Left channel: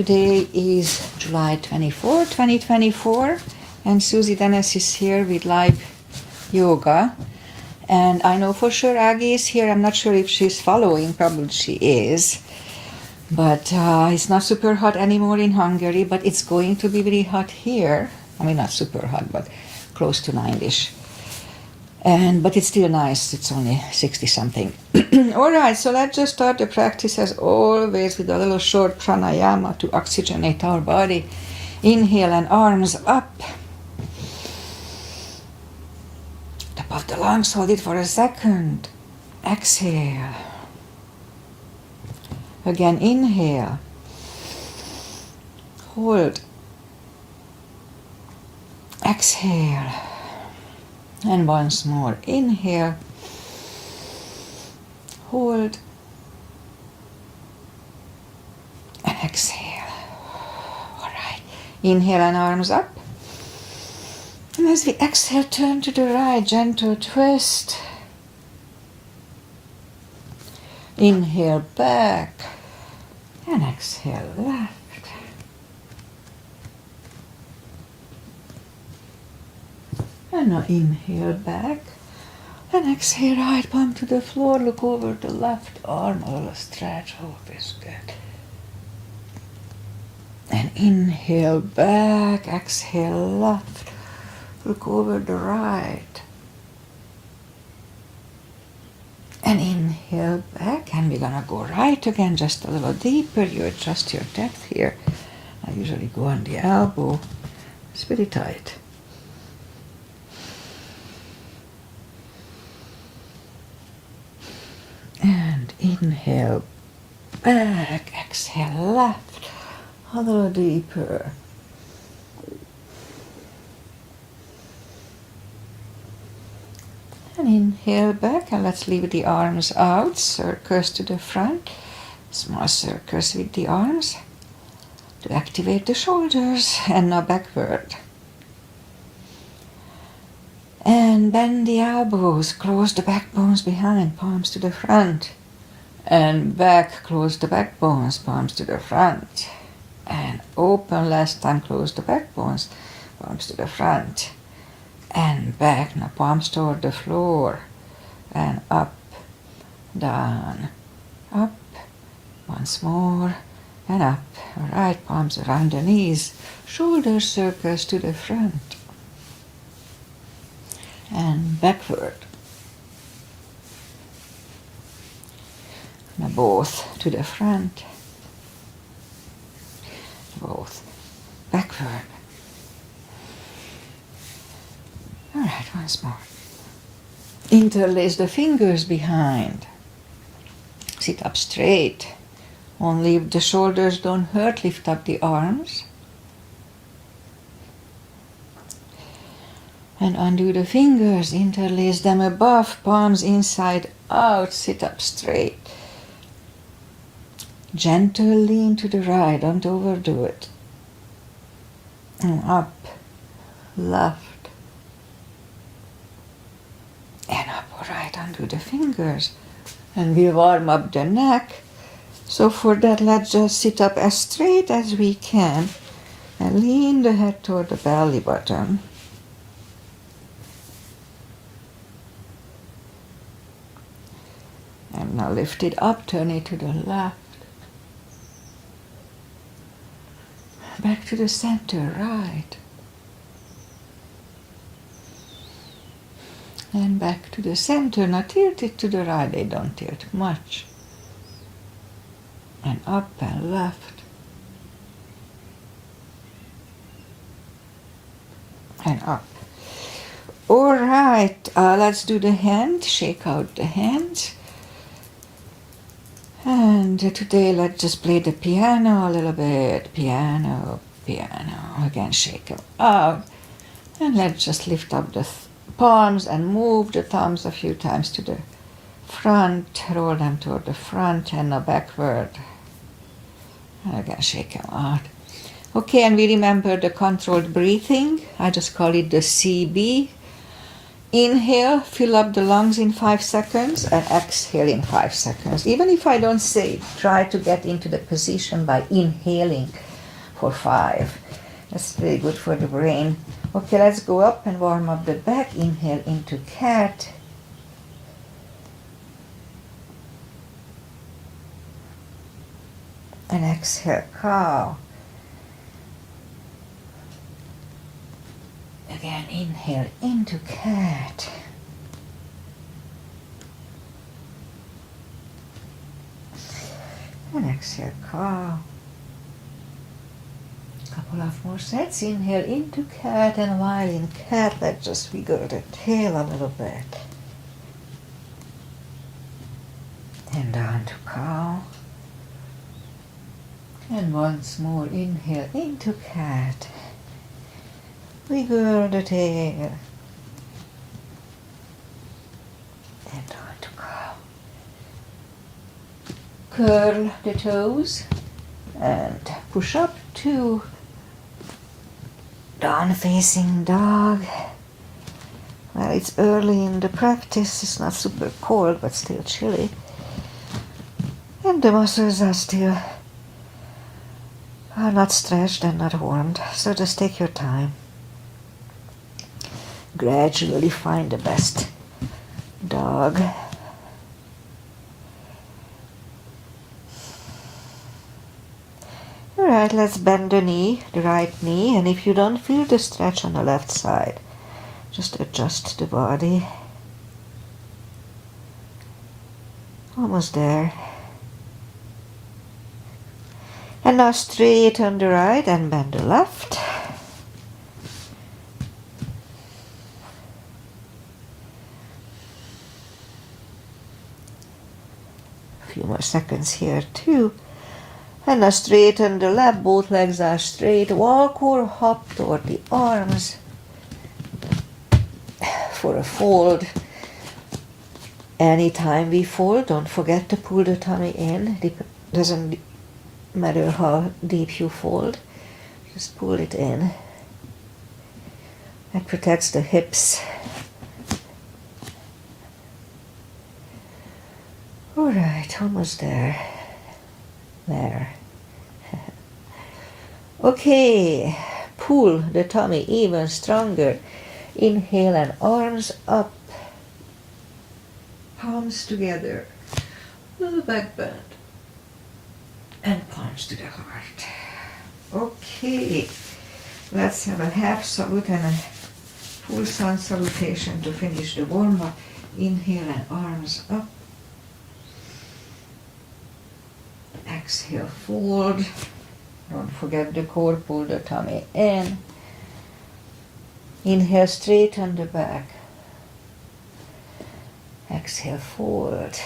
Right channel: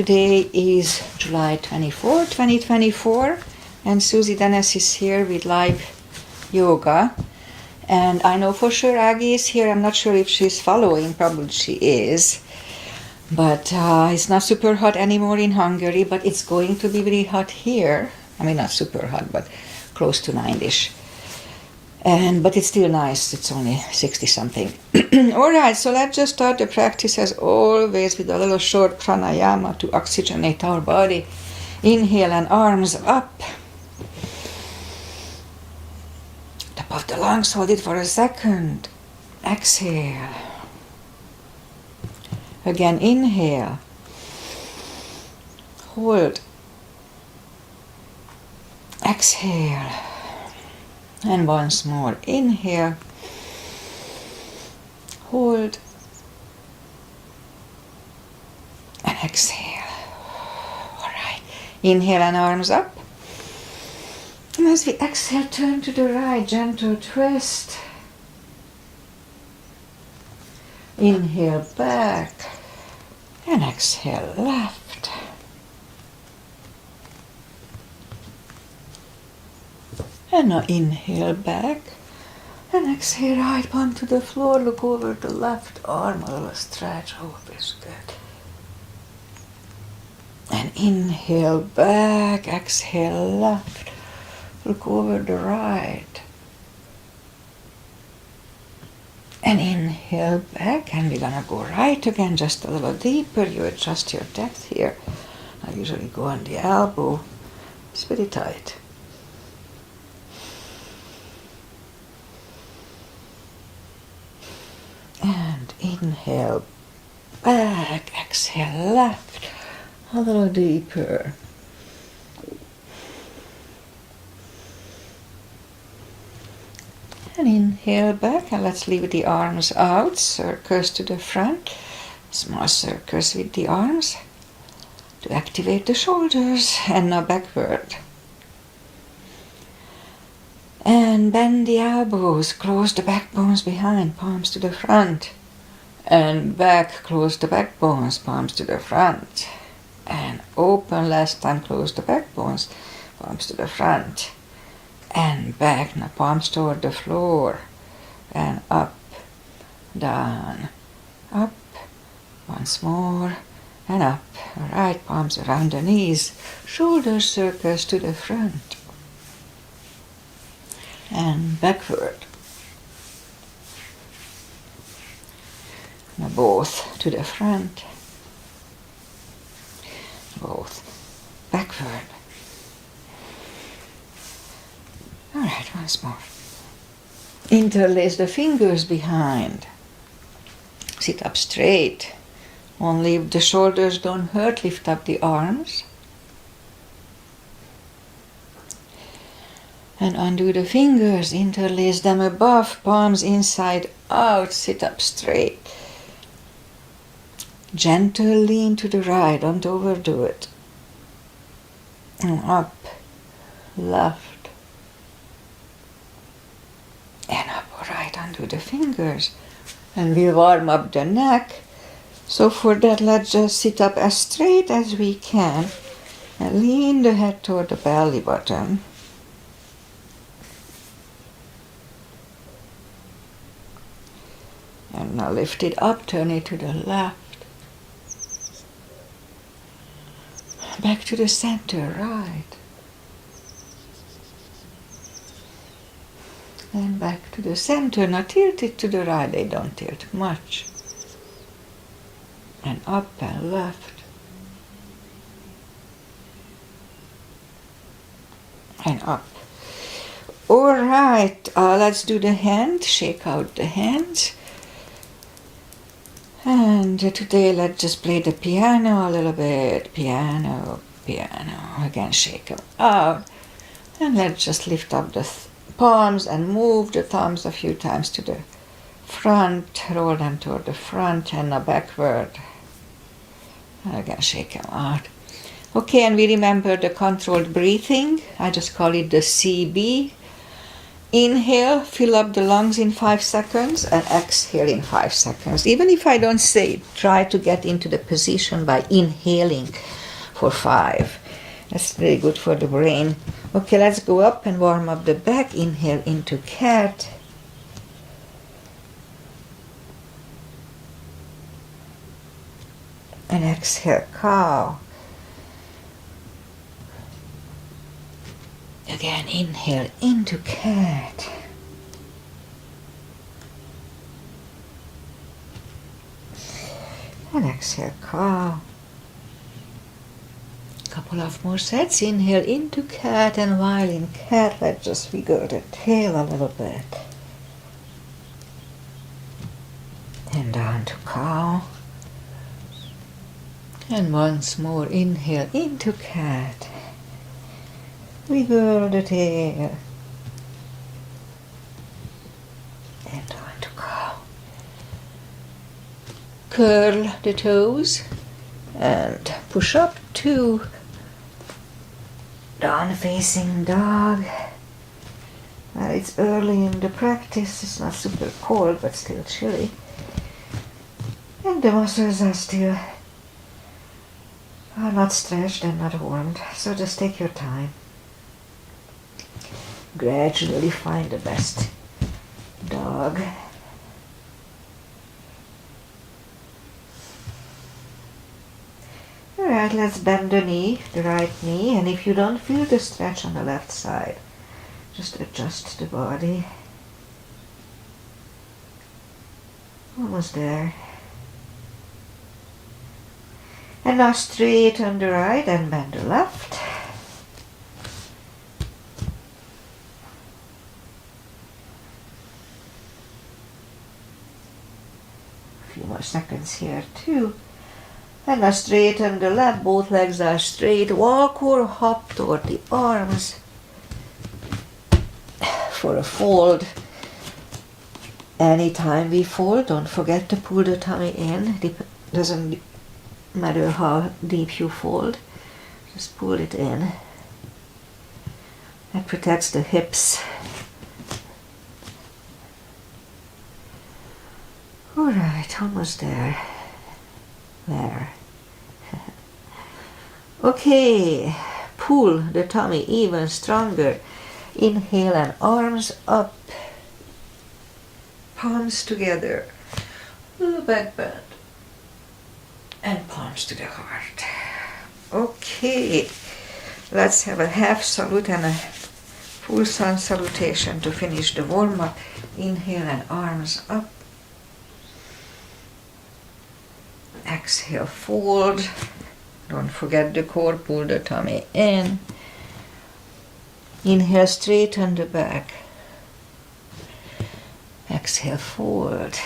Today is July 24, 2024, and Susie Dennis is here with live yoga. And I know for sure Aggie is here. I'm not sure if she's following, probably she is. But it's not super hot anymore in Hungary, but it's going to be very hot here. I mean, not super hot, but close to 90-ish. But it's still nice. It's only 60-something. All right, so let's just start the practice as always with a little short pranayama to oxygenate our body. Inhale and arms up. Top of the lungs, hold it for a second. Exhale. Again, inhale. Hold. Exhale. And once more, inhale, hold, and exhale. All right, inhale and arms up. And as we exhale, turn to the right, gentle twist. Inhale back, and exhale left. And now inhale back and exhale right palm to the floor. Look over the left arm, a little stretch. Oh, feels good. And inhale back, exhale left. Look over the right. And inhale back, and we're gonna go right again, just a little deeper. You adjust your depth here. I usually go on the elbow. It's very tight. And inhale back, exhale left, a little deeper. And inhale back, and let's leave the arms out, circles to the front, small circles with the arms to activate the shoulders, and now backward. And bend the elbows, close the backbones behind, palms to the front. And back, close the backbones, palms to the front. And open, last time, close the backbones, palms to the front. And back, now palms toward the floor. And up, down, up, once more, and up. All right, palms around the knees, shoulder circles to the front. And backward. Now both to the front, both backward. All right, once more. Interlace the fingers behind. Sit up straight. Only if the shoulders don't hurt, lift up the arms. And undo the fingers, interlace them above, palms inside out, sit up straight. Gentle lean to the right, don't overdo it. And up, left. And up, all right, undo the fingers. And we warm up the neck. So for that, let's just sit up as straight as we can. And lean the head toward the belly button. And now lift it up, turn it to the left. Back to the center, right. And back to the center. Now tilt it to the right, they don't tilt much. And up and left. And up. All right, let's do the hand, shake out the hands. And today let's just play the piano a little bit. Piano, piano. Again, shake them out. And let's just lift up the palms and move the thumbs a few times to the front. Roll them toward the front and now backward. Again, shake them out. Okay, and we remember the controlled breathing. I just call it the CB. Inhale, fill up the lungs in 5 seconds, and exhale in 5 seconds. Even if I don't say it, try to get into the position by inhaling for 5. That's very good for the brain. Okay, let's go up and warm up the back. Inhale into cat. And exhale, cow. Again, inhale into cat. And exhale, cow. Couple of more sets. Inhale into cat, and while in cat, let's just wiggle the tail a little bit. And down to cow. And once more, inhale into cat. Wiggle the tail. And down to cow. Curl the toes and push up to down facing dog. Well, it's early in the practice. It's not super cold, but still chilly. And the muscles are still not stretched and not warmed. So just take your time. Gradually find the best dog. Alright, let's bend the knee, the right knee, and if you don't feel the stretch on the left side, just adjust the body. Almost there. And now straighten the right and bend the left. A few more seconds here too. And now straighten the left, both legs are straight. Walk or hop toward the arms for a fold. Anytime we fold, don't forget to pull the tummy in. Doesn't matter how deep you fold, just pull it in. That protects the hips. Alright, almost there. There. Okay, pull the tummy even stronger. Inhale and arms up. Palms together. Little back bend. And palms to the heart. Okay, let's have a half salute and a full sun salutation to finish the warm-up. Inhale and arms up. Exhale, fold. Don't forget the core, pull the tummy in. Inhale, straighten the back. Exhale, forward.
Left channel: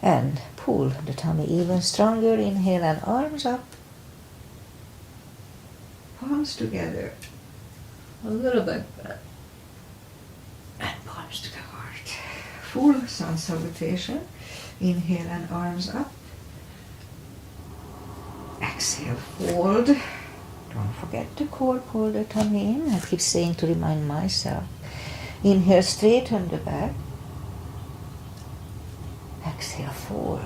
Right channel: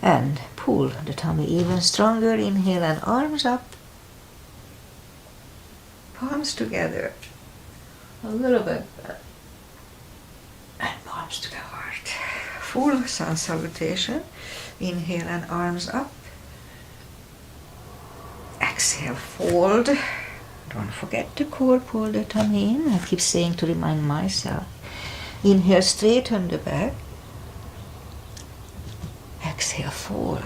And pull the tummy even stronger. Inhale and arms up. Palms together. A little bit back. And palms to the heart. Full sun salutation. Inhale and arms up. Exhale, fold. Don't forget the core, pull the tummy in. I keep saying to remind myself. Inhale, straighten the back. Exhale, fold.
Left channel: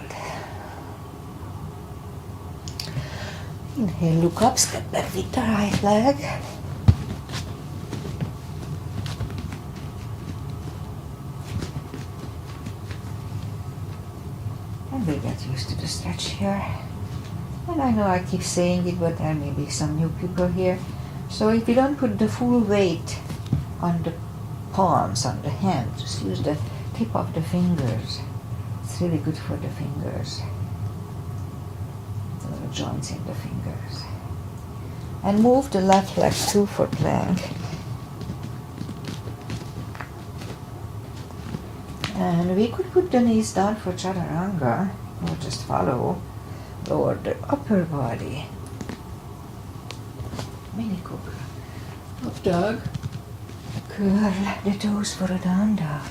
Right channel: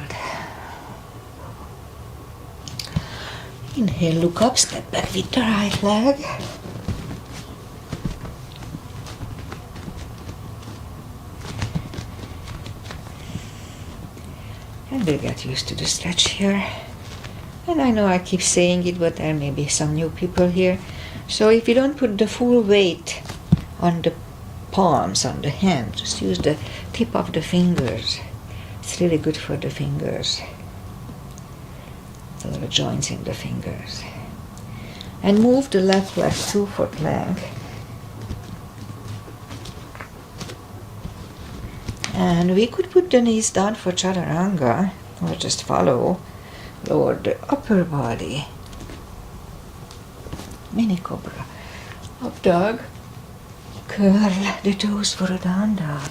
Inhale, look up, step back with the right leg. And we'll get used to the stretch here. And I know I keep saying it, but there may be some new people here. So if you don't put the full weight on the palms, on the hand, just use the tip of the fingers. It's really good for the fingers. The little joints in the fingers. And move the left leg 2 foot length. And we could put the knees down for chaturanga, or just follow. Lower the upper body. Mini cobra. Up dog. Curl the toes for a down dog.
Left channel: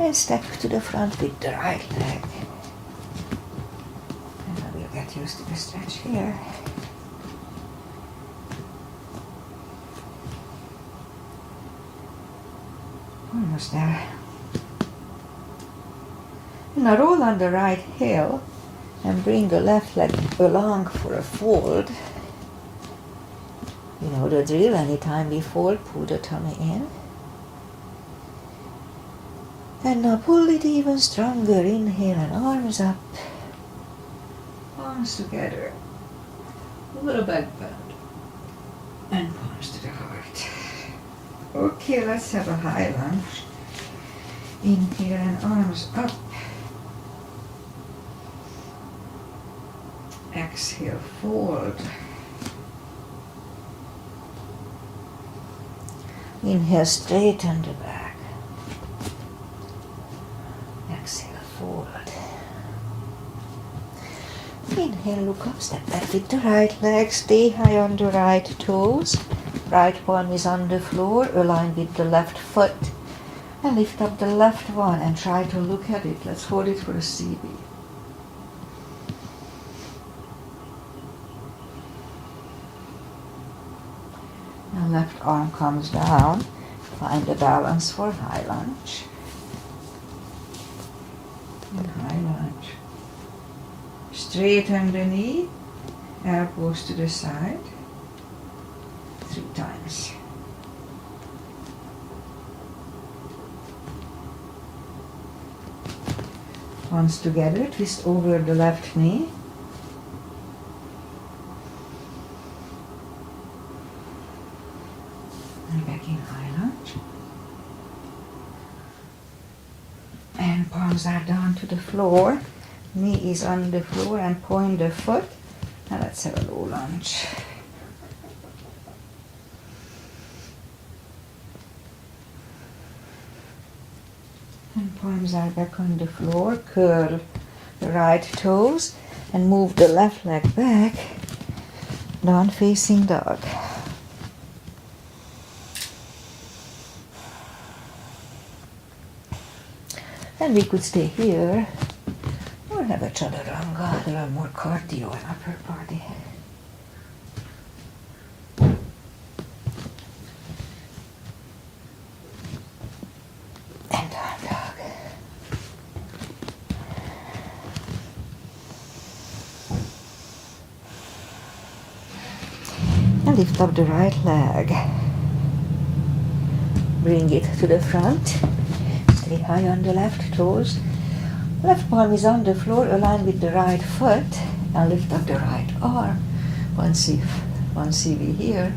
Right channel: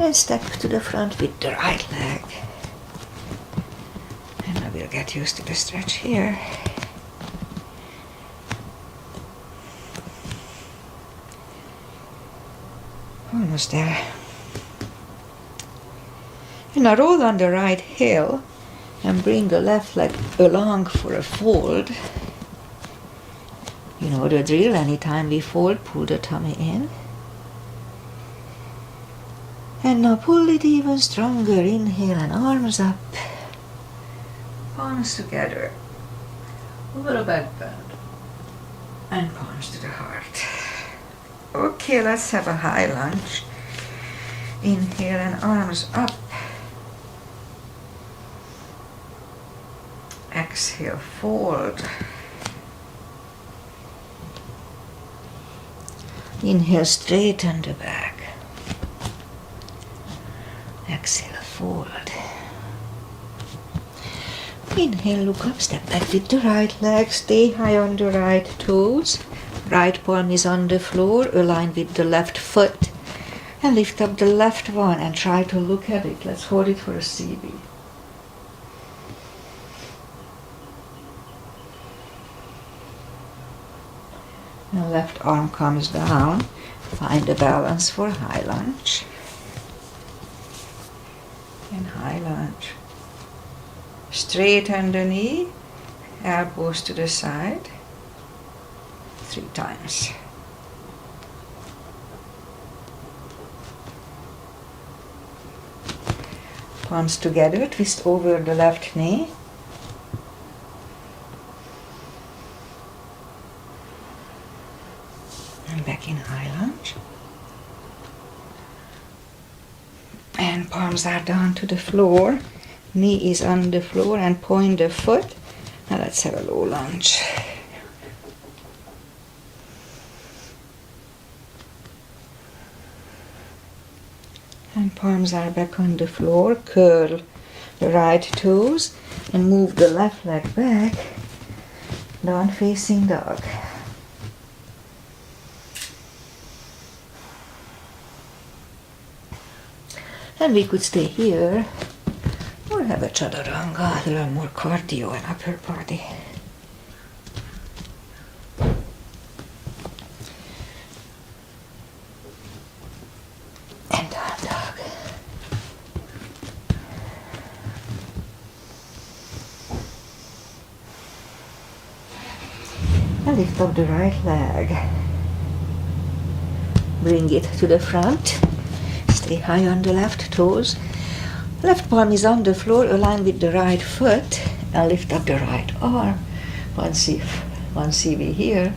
And step to the front with the right leg. And I will get used to the stretch here. Almost there. And now roll on the right heel and bring the left leg along for a fold. You know the drill, anytime we fold, pull the tummy in. And now pull it even stronger, inhale and arms up. Palms together, little back bend, and palms to the heart. Okay, let's have a high lunge. Inhale and arms up. Exhale, fold. Inhale, straighten the back. Exhale, fold. Inhale, look up, step back with the right leg, stay high on the right toes. Right palm is on the floor, align with the left foot. And lift up the left one and try to look at it. Let's hold it for a CB. And left arm comes down. Find the balance for high lunge. And high lunge. Straighten the knee, elbows to the side. 3 times. Palms together, twist over the left knee. And back in high lunge. And palms are down to the floor. Knee is on the floor and point the foot. Now let's have a low lunge. And palms are back on the floor. Curl the right toes and move the left leg back. Down facing dog. And we could stay here or have a chaturanga, a little more cardio and upper body. And down dog. And lift up the right leg. Bring it to the front. Stay high on the left toes. Left palm is on the floor, align with the right foot, and lift up the right arm. One CV here.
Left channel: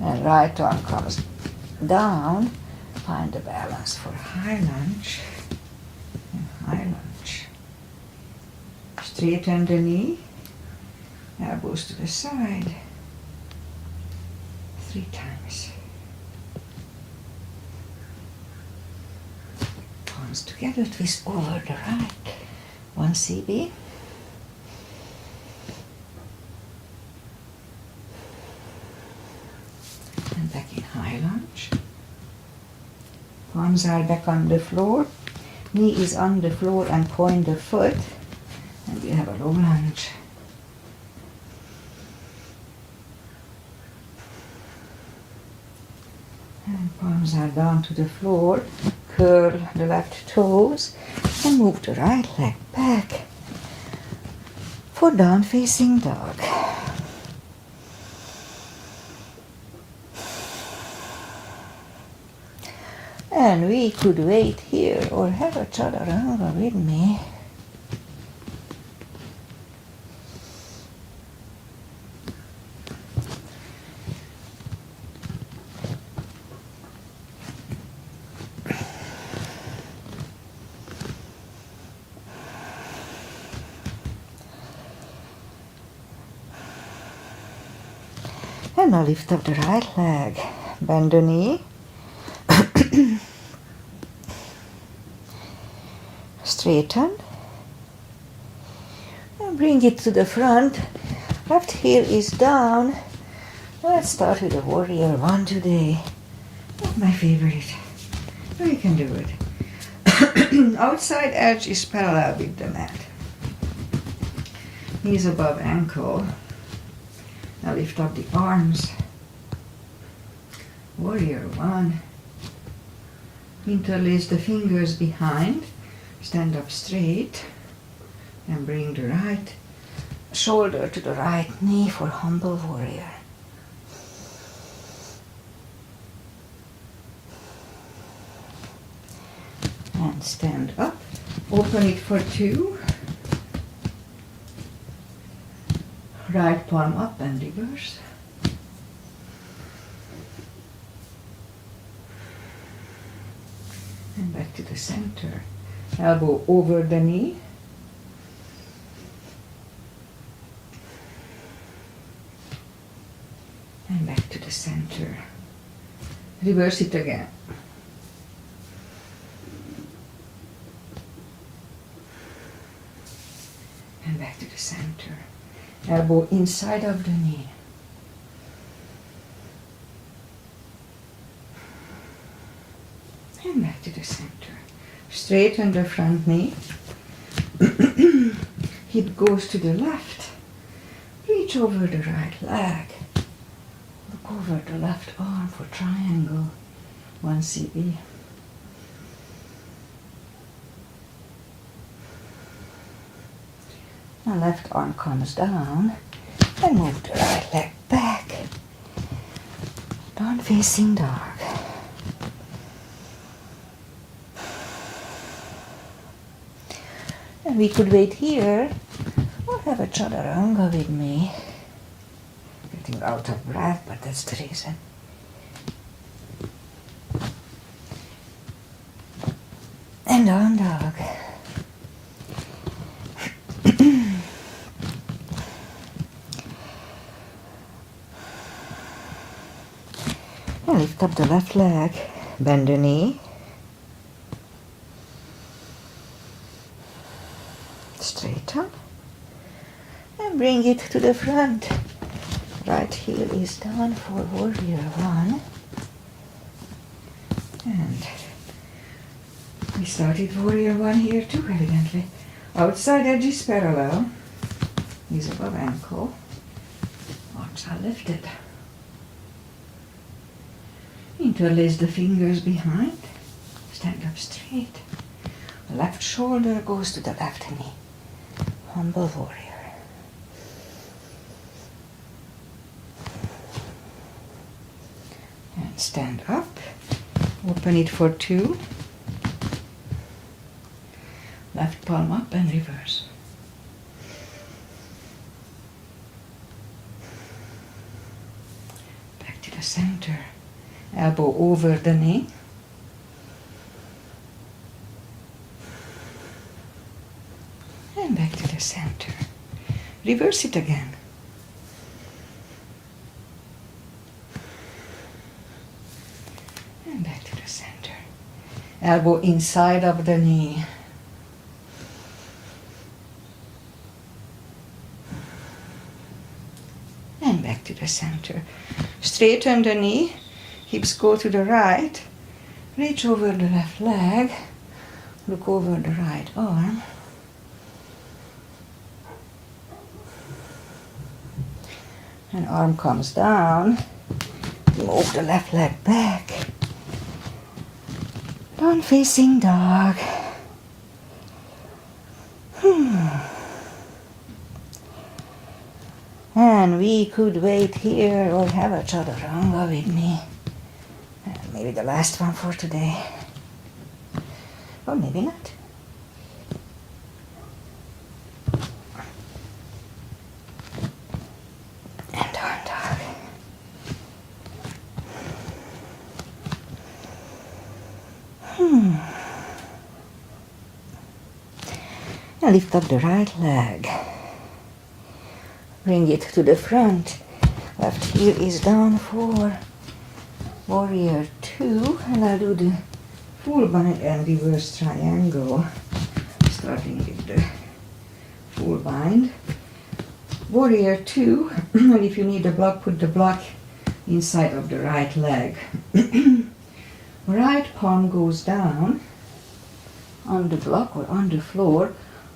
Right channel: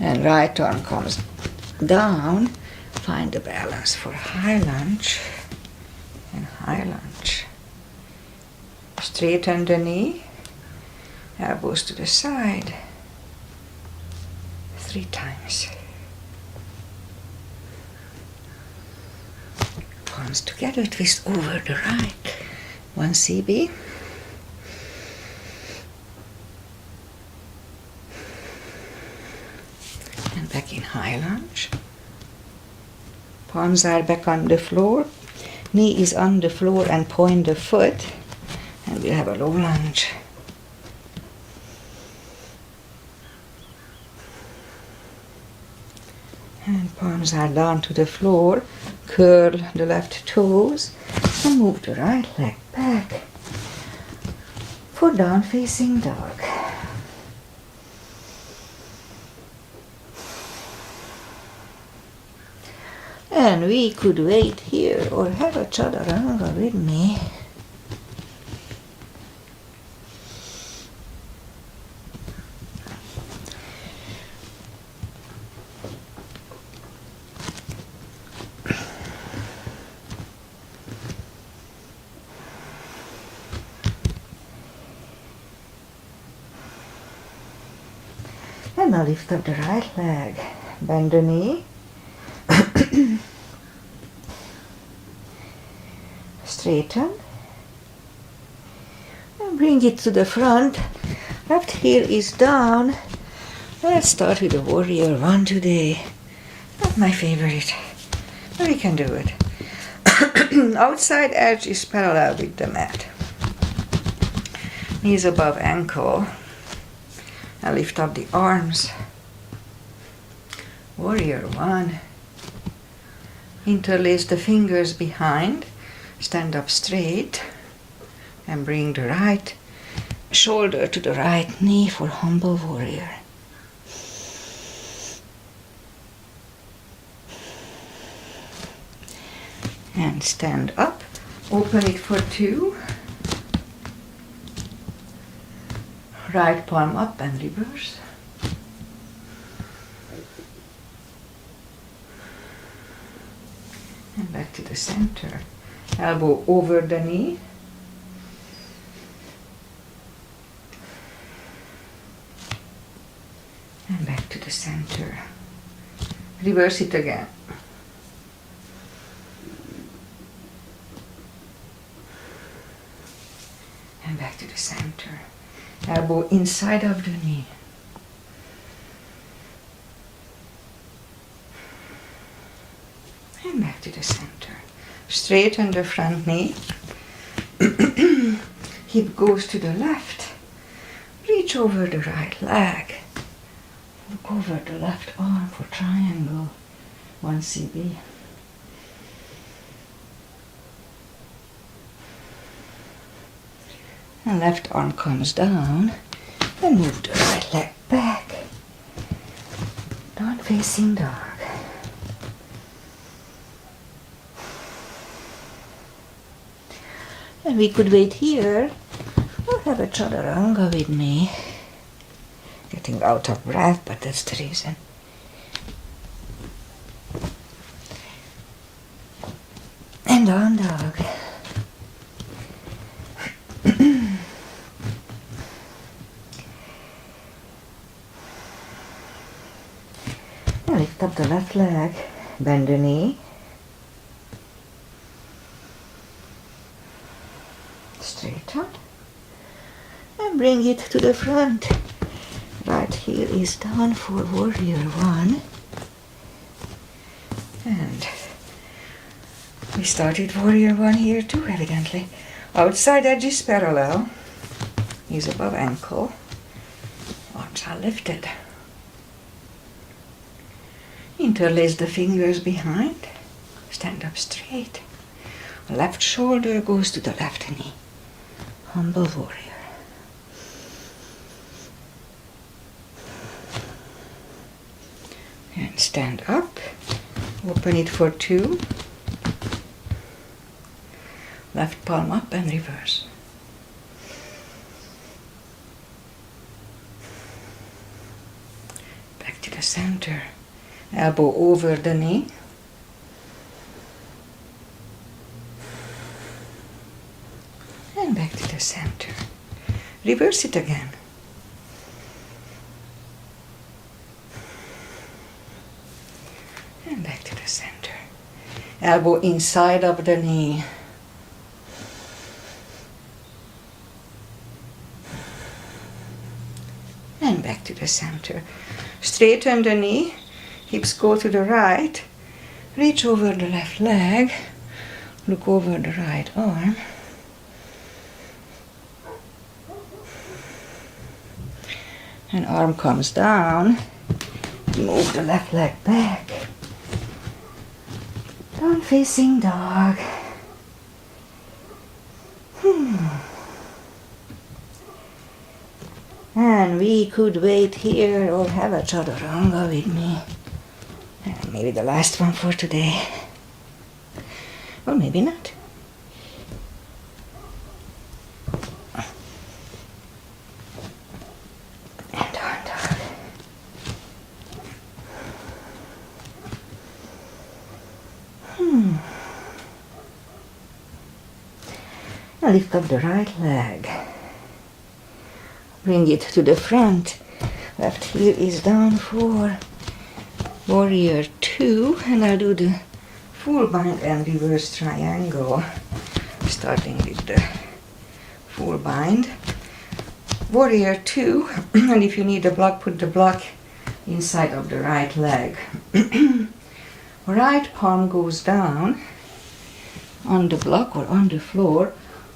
And right arm comes down. Find the balance for high lunge and high lunge. Straighten the knee, elbows to the side. 3 times. Palms together, twist over the right. 1 CB. And back in high lunge. Palms are back on the floor. Knee is on the floor and point the foot. And we'll have a low lunge. And palms are down to the floor. Curl the left toes and move the right leg back for down facing dog. And we could wait here or have a chaturanga with me. And now lift up the right leg, bend the knee, straighten, and bring it to the front. Left heel is down, Let's start with the warrior one today. Not my favorite, but we can do it. Outside edge is parallel with the mat. Knees above ankle. Now lift up the arms. Warrior one. Interlace the fingers behind. Stand up straight. And bring the right shoulder to the right knee for humble warrior. And stand up. Open it for two. Right palm up and reverse. And back to the center. Elbow over the knee. And back to the center. Reverse it again. And back to the center. Elbow inside of the knee. And back to the center. Straighten the front knee. Hip goes to the left. Reach over the right leg. Look over the left arm for triangle. 1 CB. And left arm comes down. And move the right leg back. Down facing dog. And we could wait here or have a chaturanga with me. Getting out of breath, but that's the reason. And down dog. And lift up the left leg, bend the knee. Straighten. And bring it to the front. Right heel is down for warrior one. And we started warrior one here too, evidently. Outside edge is parallel. Knees above ankle. Arms are lifted. Interlace the fingers behind. Stand up straight. Left shoulder goes to the left knee. Humble warrior. And stand up. Open it for two. Left palm up and reverse. Back to the center. Elbow over the knee. And back to the center. Reverse it again. And back to the center. Elbow inside of the knee. And back to the center. Straighten the knee. Hips go to the right. Reach over the left leg. Look over the right arm. And arm comes down. Move the left leg back. Down facing dog. And we could wait here or have a chaturanga with me. And maybe the last one for today. Or maybe not. And down dog. Now lift up the right leg. Bring it to the front. Left heel is down for warrior two. And I'll do the full bind and reverse triangle. Starting with the full bind. Warrior two. And if you need a block, put the block inside of the right leg. Right palm goes down on the block or on the floor.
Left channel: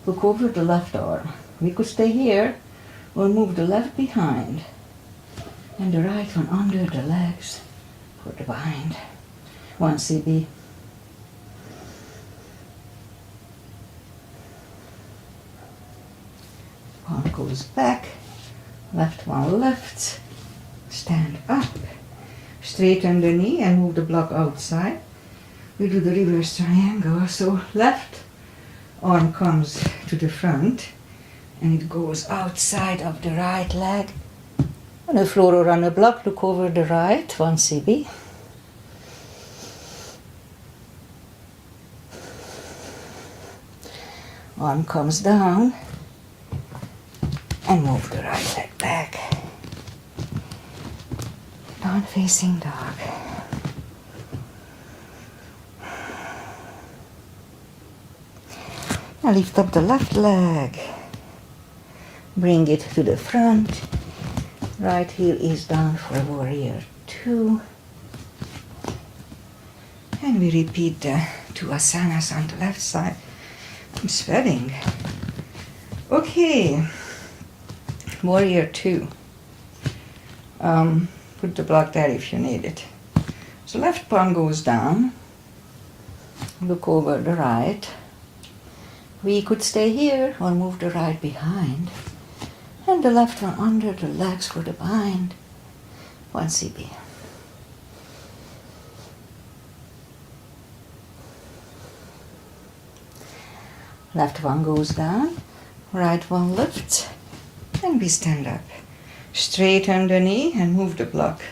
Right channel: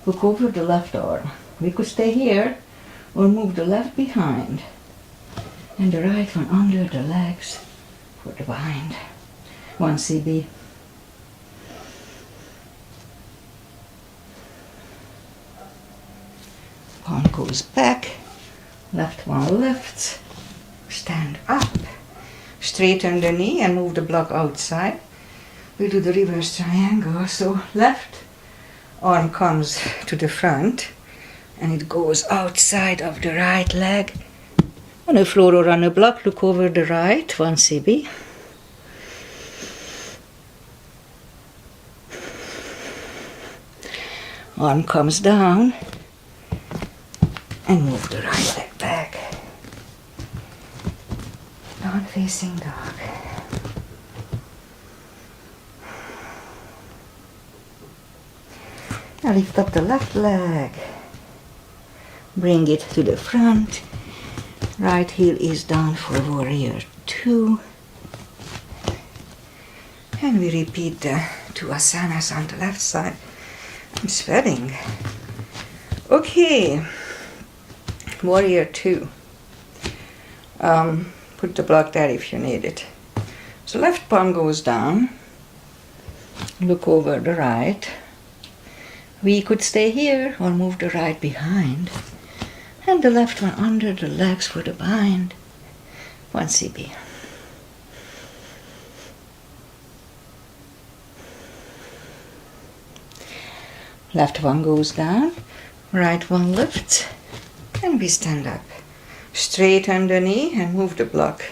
Look over the left arm. We could stay here or move the left behind and the right one under the legs for the bind. 1 CB. Palm goes back, left one lifts, stand up, straighten the knee and move the block outside. We do the reverse triangle, so left arm comes to the front and it goes outside of the right leg. On the floor or on the block, look over the right, 1 CB. Arm comes down and move the right leg back. Down facing dog. Now lift up the left leg. Bring it to the front. Right heel is down for warrior 2. And we repeat the 2 asanas on the left side. I'm sweating. Okay. Warrior 2. Put the block there if you need it. So left palm goes down. Look over the right. We could stay here or move the right behind. And the left one under the legs for the bind. 1 CB. Left one goes down, right one lifts, and we stand up. Straighten the knee and move the block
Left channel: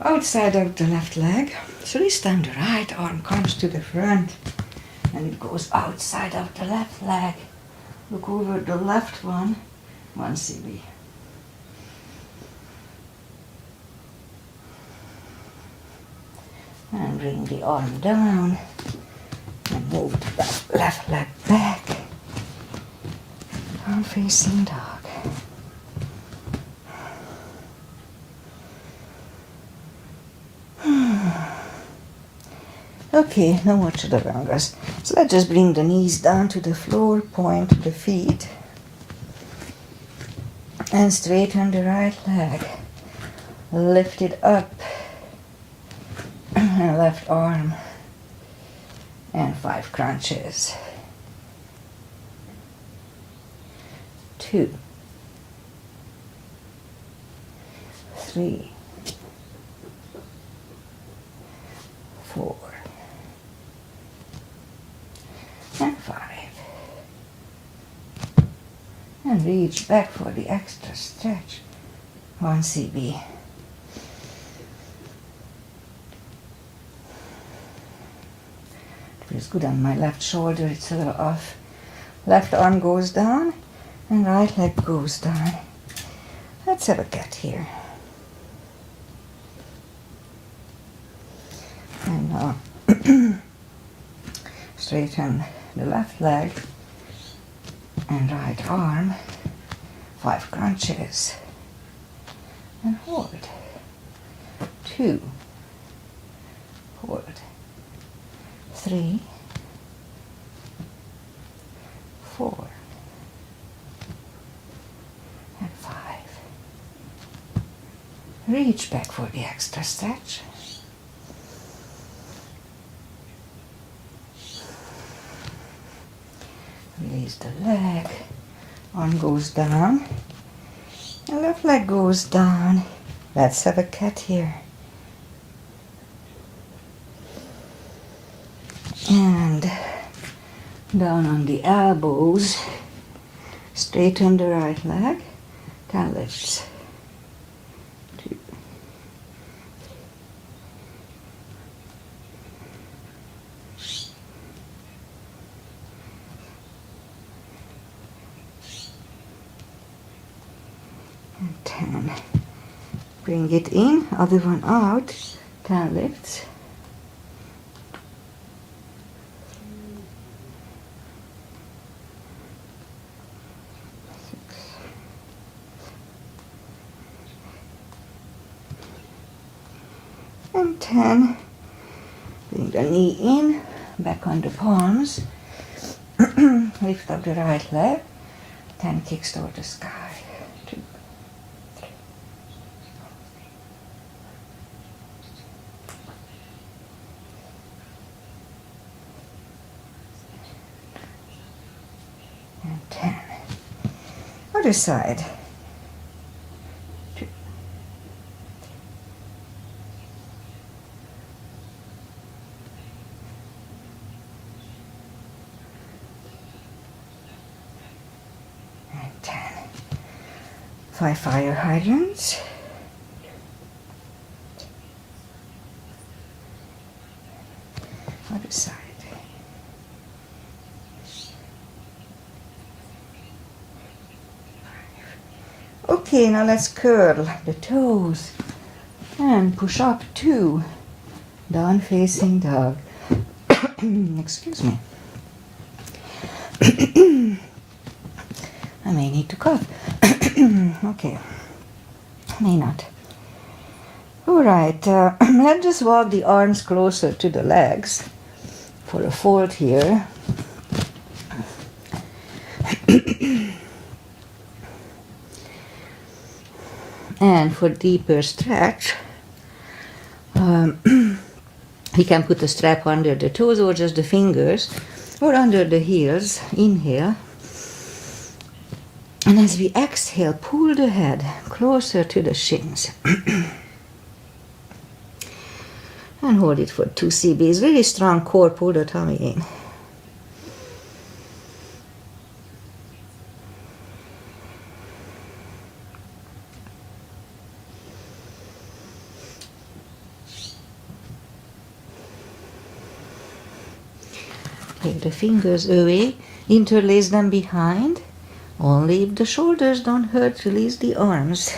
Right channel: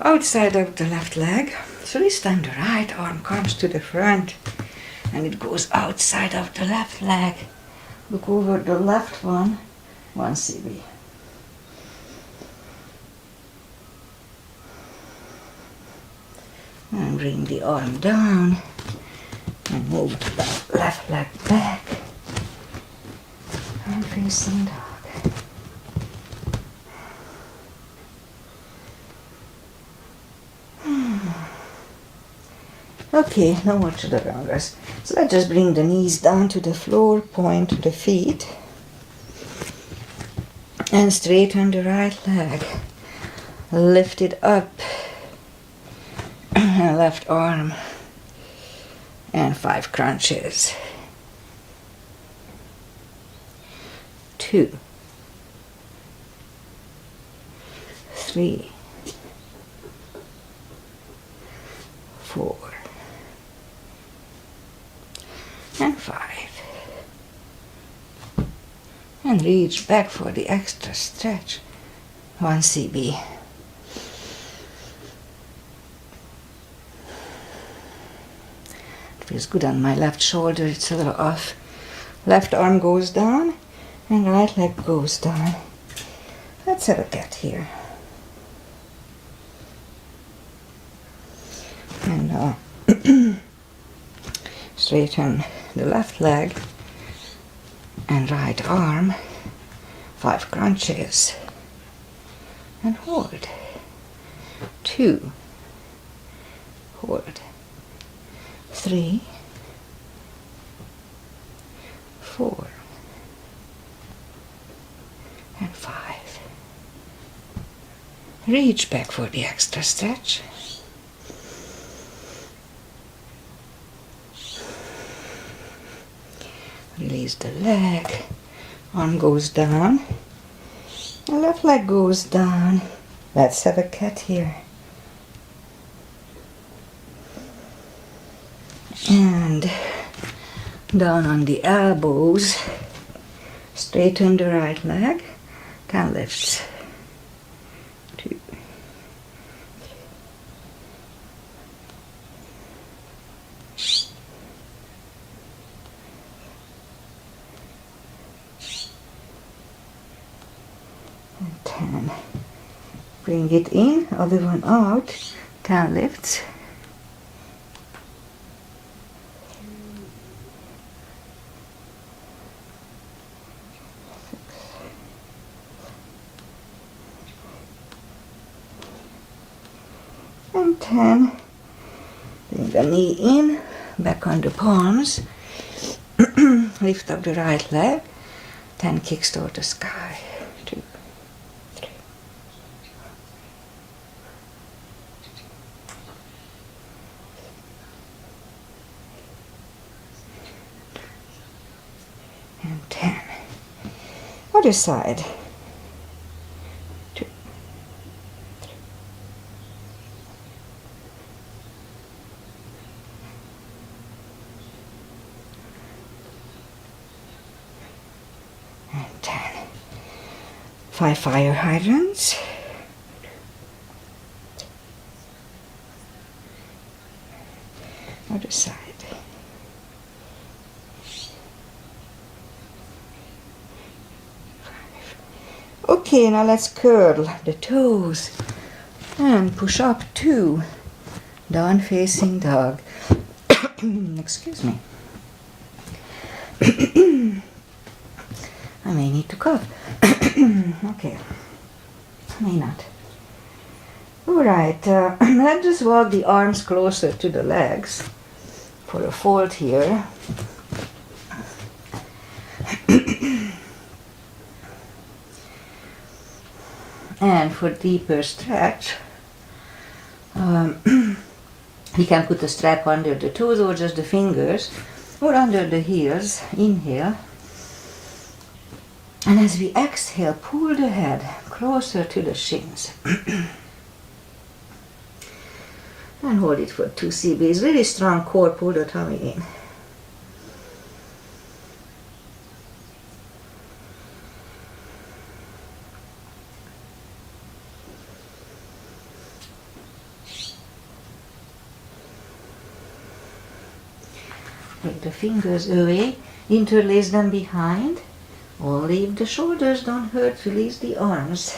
outside of the left leg. So this time the right arm comes to the front and it goes outside of the left leg. Look over the left one, 1 CB. And bring the arm down and move the left leg back. Arm facing dog. Okay, no more chaturangas. So let's just bring the knees down to the floor, point to the feet. And straighten the right leg. Lift it up. Left arm. And 5 crunches. 2. 3. 4. And 5. And reach back for the extra stretch. 1 CB. It feels good on my left shoulder, it's a little off. Left arm goes down and right leg goes down. Let's have a cat here. And now straighten the left leg and right arm, 5 crunches, and hold. 2, hold. 3, 4, and 5. Reach back for the extra stretch. Release the leg, arm goes down, and left leg goes down. Let's have a cat here. And down on the elbows, straighten the right leg, can lift. 2. And 10. Bring it in, other one out, 10 lifts. 6. And 10. Bring the knee in, back on the palms. Lift up the right leg. 10 kicks toward the sky. 2, 3. And 10. Other side. 2, 3. And 10. 5 fire hydrants. Other side. Okay, now let's curl the toes and push up 2. Down facing dog. Excuse me. I may need to cough. Okay. May not. Alright, let's just walk the arms closer to the legs for a fold here. And for deeper stretch, you can put a strap under the toes or just the fingers or under the heels. Inhale. And as we exhale, pull the head closer to the shins. And hold it for 2 CBs. Really strong core, pull the tummy in. Take the fingers away, interlace them behind. Only if the shoulders don't hurt, release the arms.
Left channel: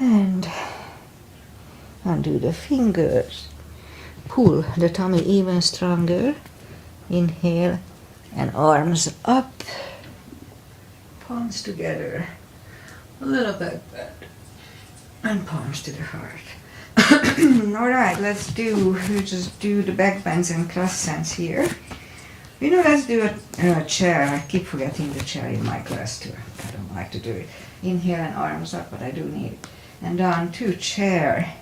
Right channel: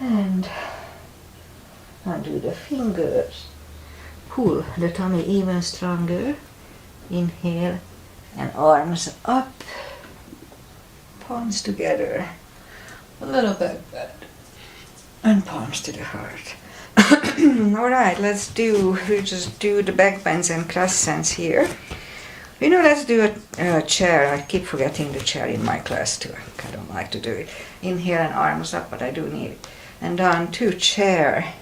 And undo the fingers. Pull the tummy even stronger. Inhale and arms up. Palms together. A little back bend. And palms to the heart. Alright, we just do the back bends and crescents here. Let's do a chair. I keep forgetting the chair in my class too. I don't like to do it. Inhale and arms up, but I do need it. And down to chair.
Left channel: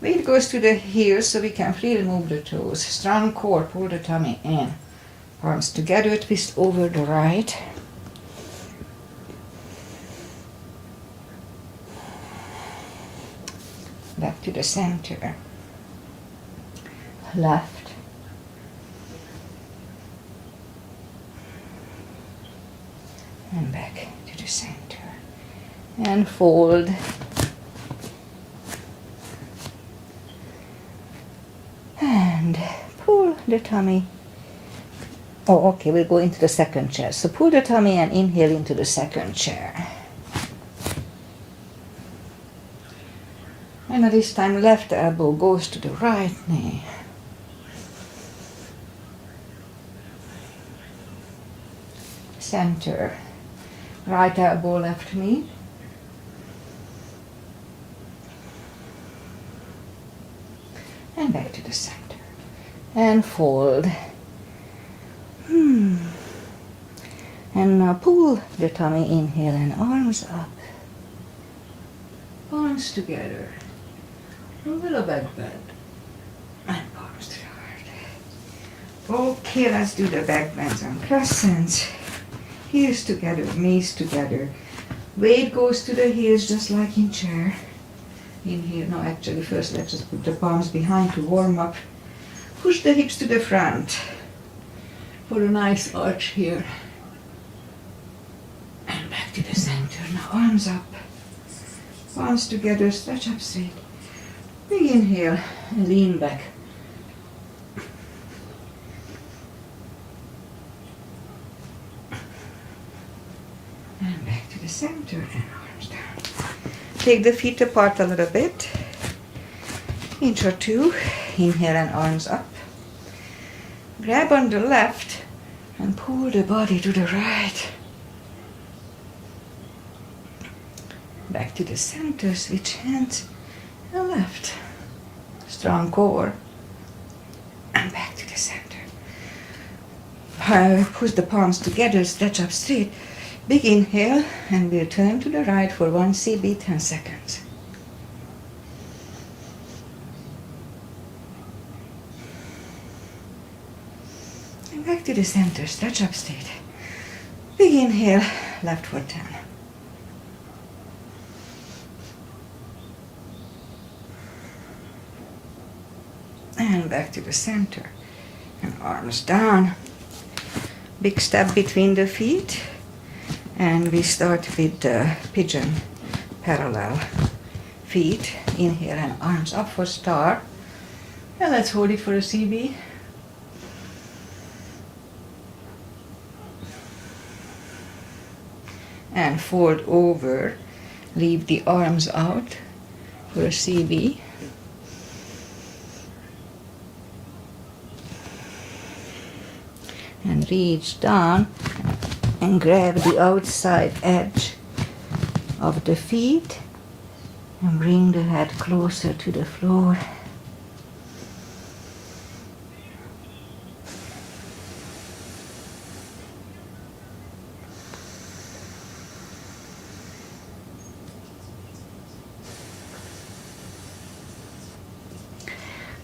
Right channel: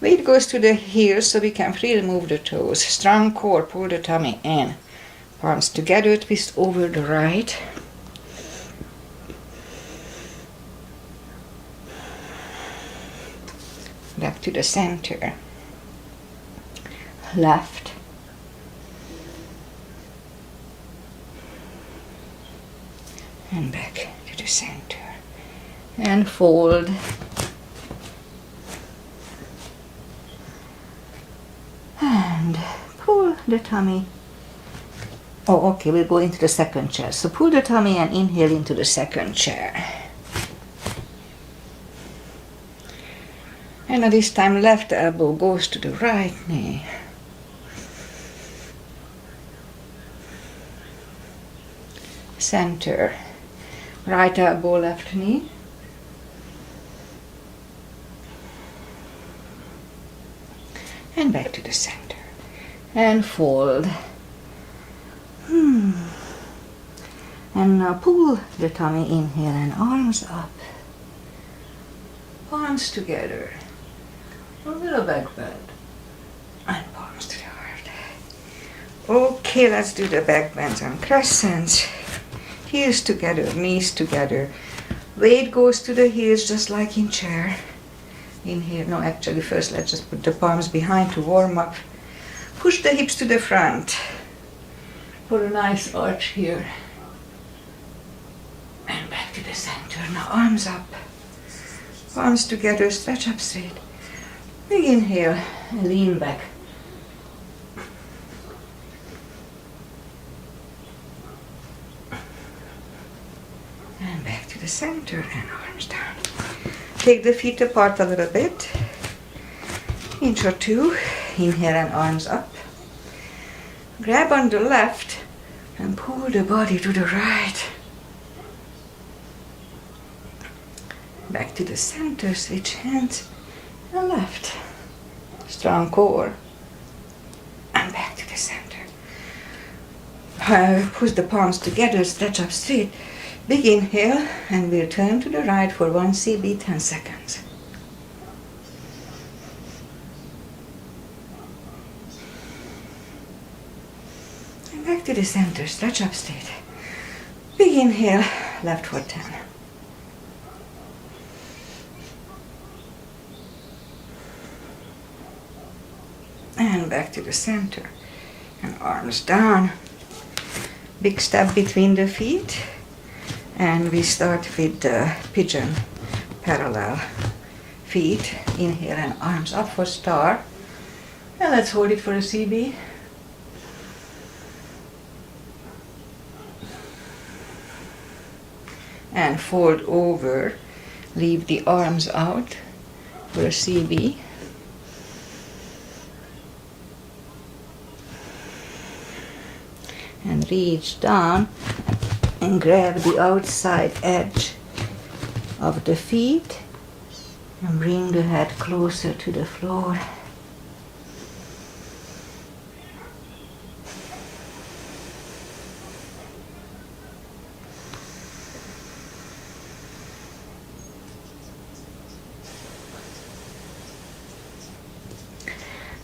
Weight goes to the heels so we can freely move the toes. Strong core, pull the tummy in. Palms together, twist over the right. Back to the center. Left. And back to the center. And fold. And pull the tummy. Oh, okay, we'll go into the second chair. So pull the tummy and inhale into the second chair. And now this time left elbow goes to the right knee. Center. Right elbow, left knee. And back to the center. And fold. And now pull the tummy, inhale and arms up. Palms together. A little back bend. And palms to the heart. Okay, let's do the back bends and crescents. Heels together, knees together. Weight goes to the heels just like in chair. Inhale. No, actually first let's just put the palms behind to warm up. Push the hips to the front for a nice arch here. And back to the center. Now arms up. Palms together, stretch up straight. Big inhale and lean back. And back to the center and arms down. Take the feet apart a little bit. Inch or two. Inhale and arms up. Grab on the left And pull the body to the right. Back to the center, switch hands, and left. Strong core. And back to the center. Push the palms together, stretch up straight. Big inhale, and we'll turn to the right for 1 CB, 10 seconds. And back to the center, stretch up straight. Big inhale, left for 10. And back to the center. And arms down. Big step between the feet. And we start with the pigeon parallel feet. Inhale and arms up for star. And let's hold it for a CB. And fold over. Leave the arms out for a CB. And reach down and grab the outside edge of the feet and bring the head closer to the floor.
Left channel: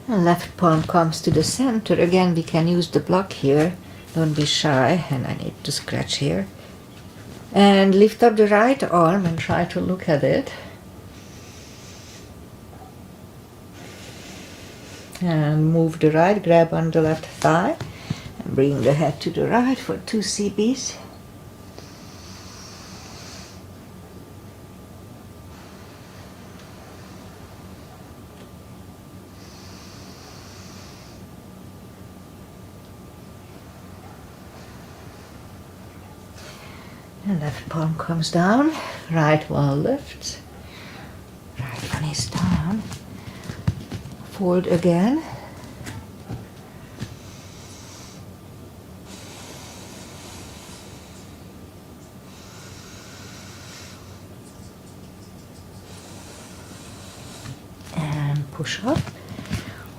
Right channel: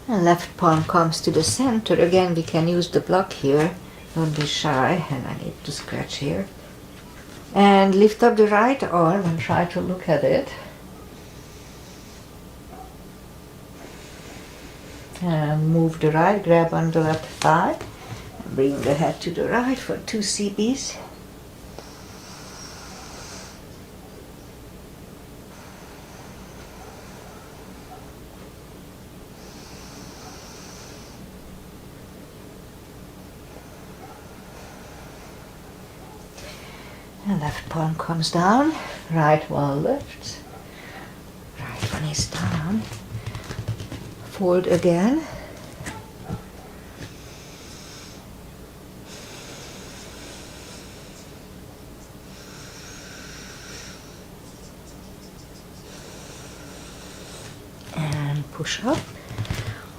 And left palm comes to the center. Again, we can use the block here. Don't be shy, and I need to scratch here. And lift up the right arm and try to look at it. And move the right, grab on the left thigh. And bring the head to the right for 2 CBs. And left palm comes down, right one lifts, right one is down. Fold again. And push up.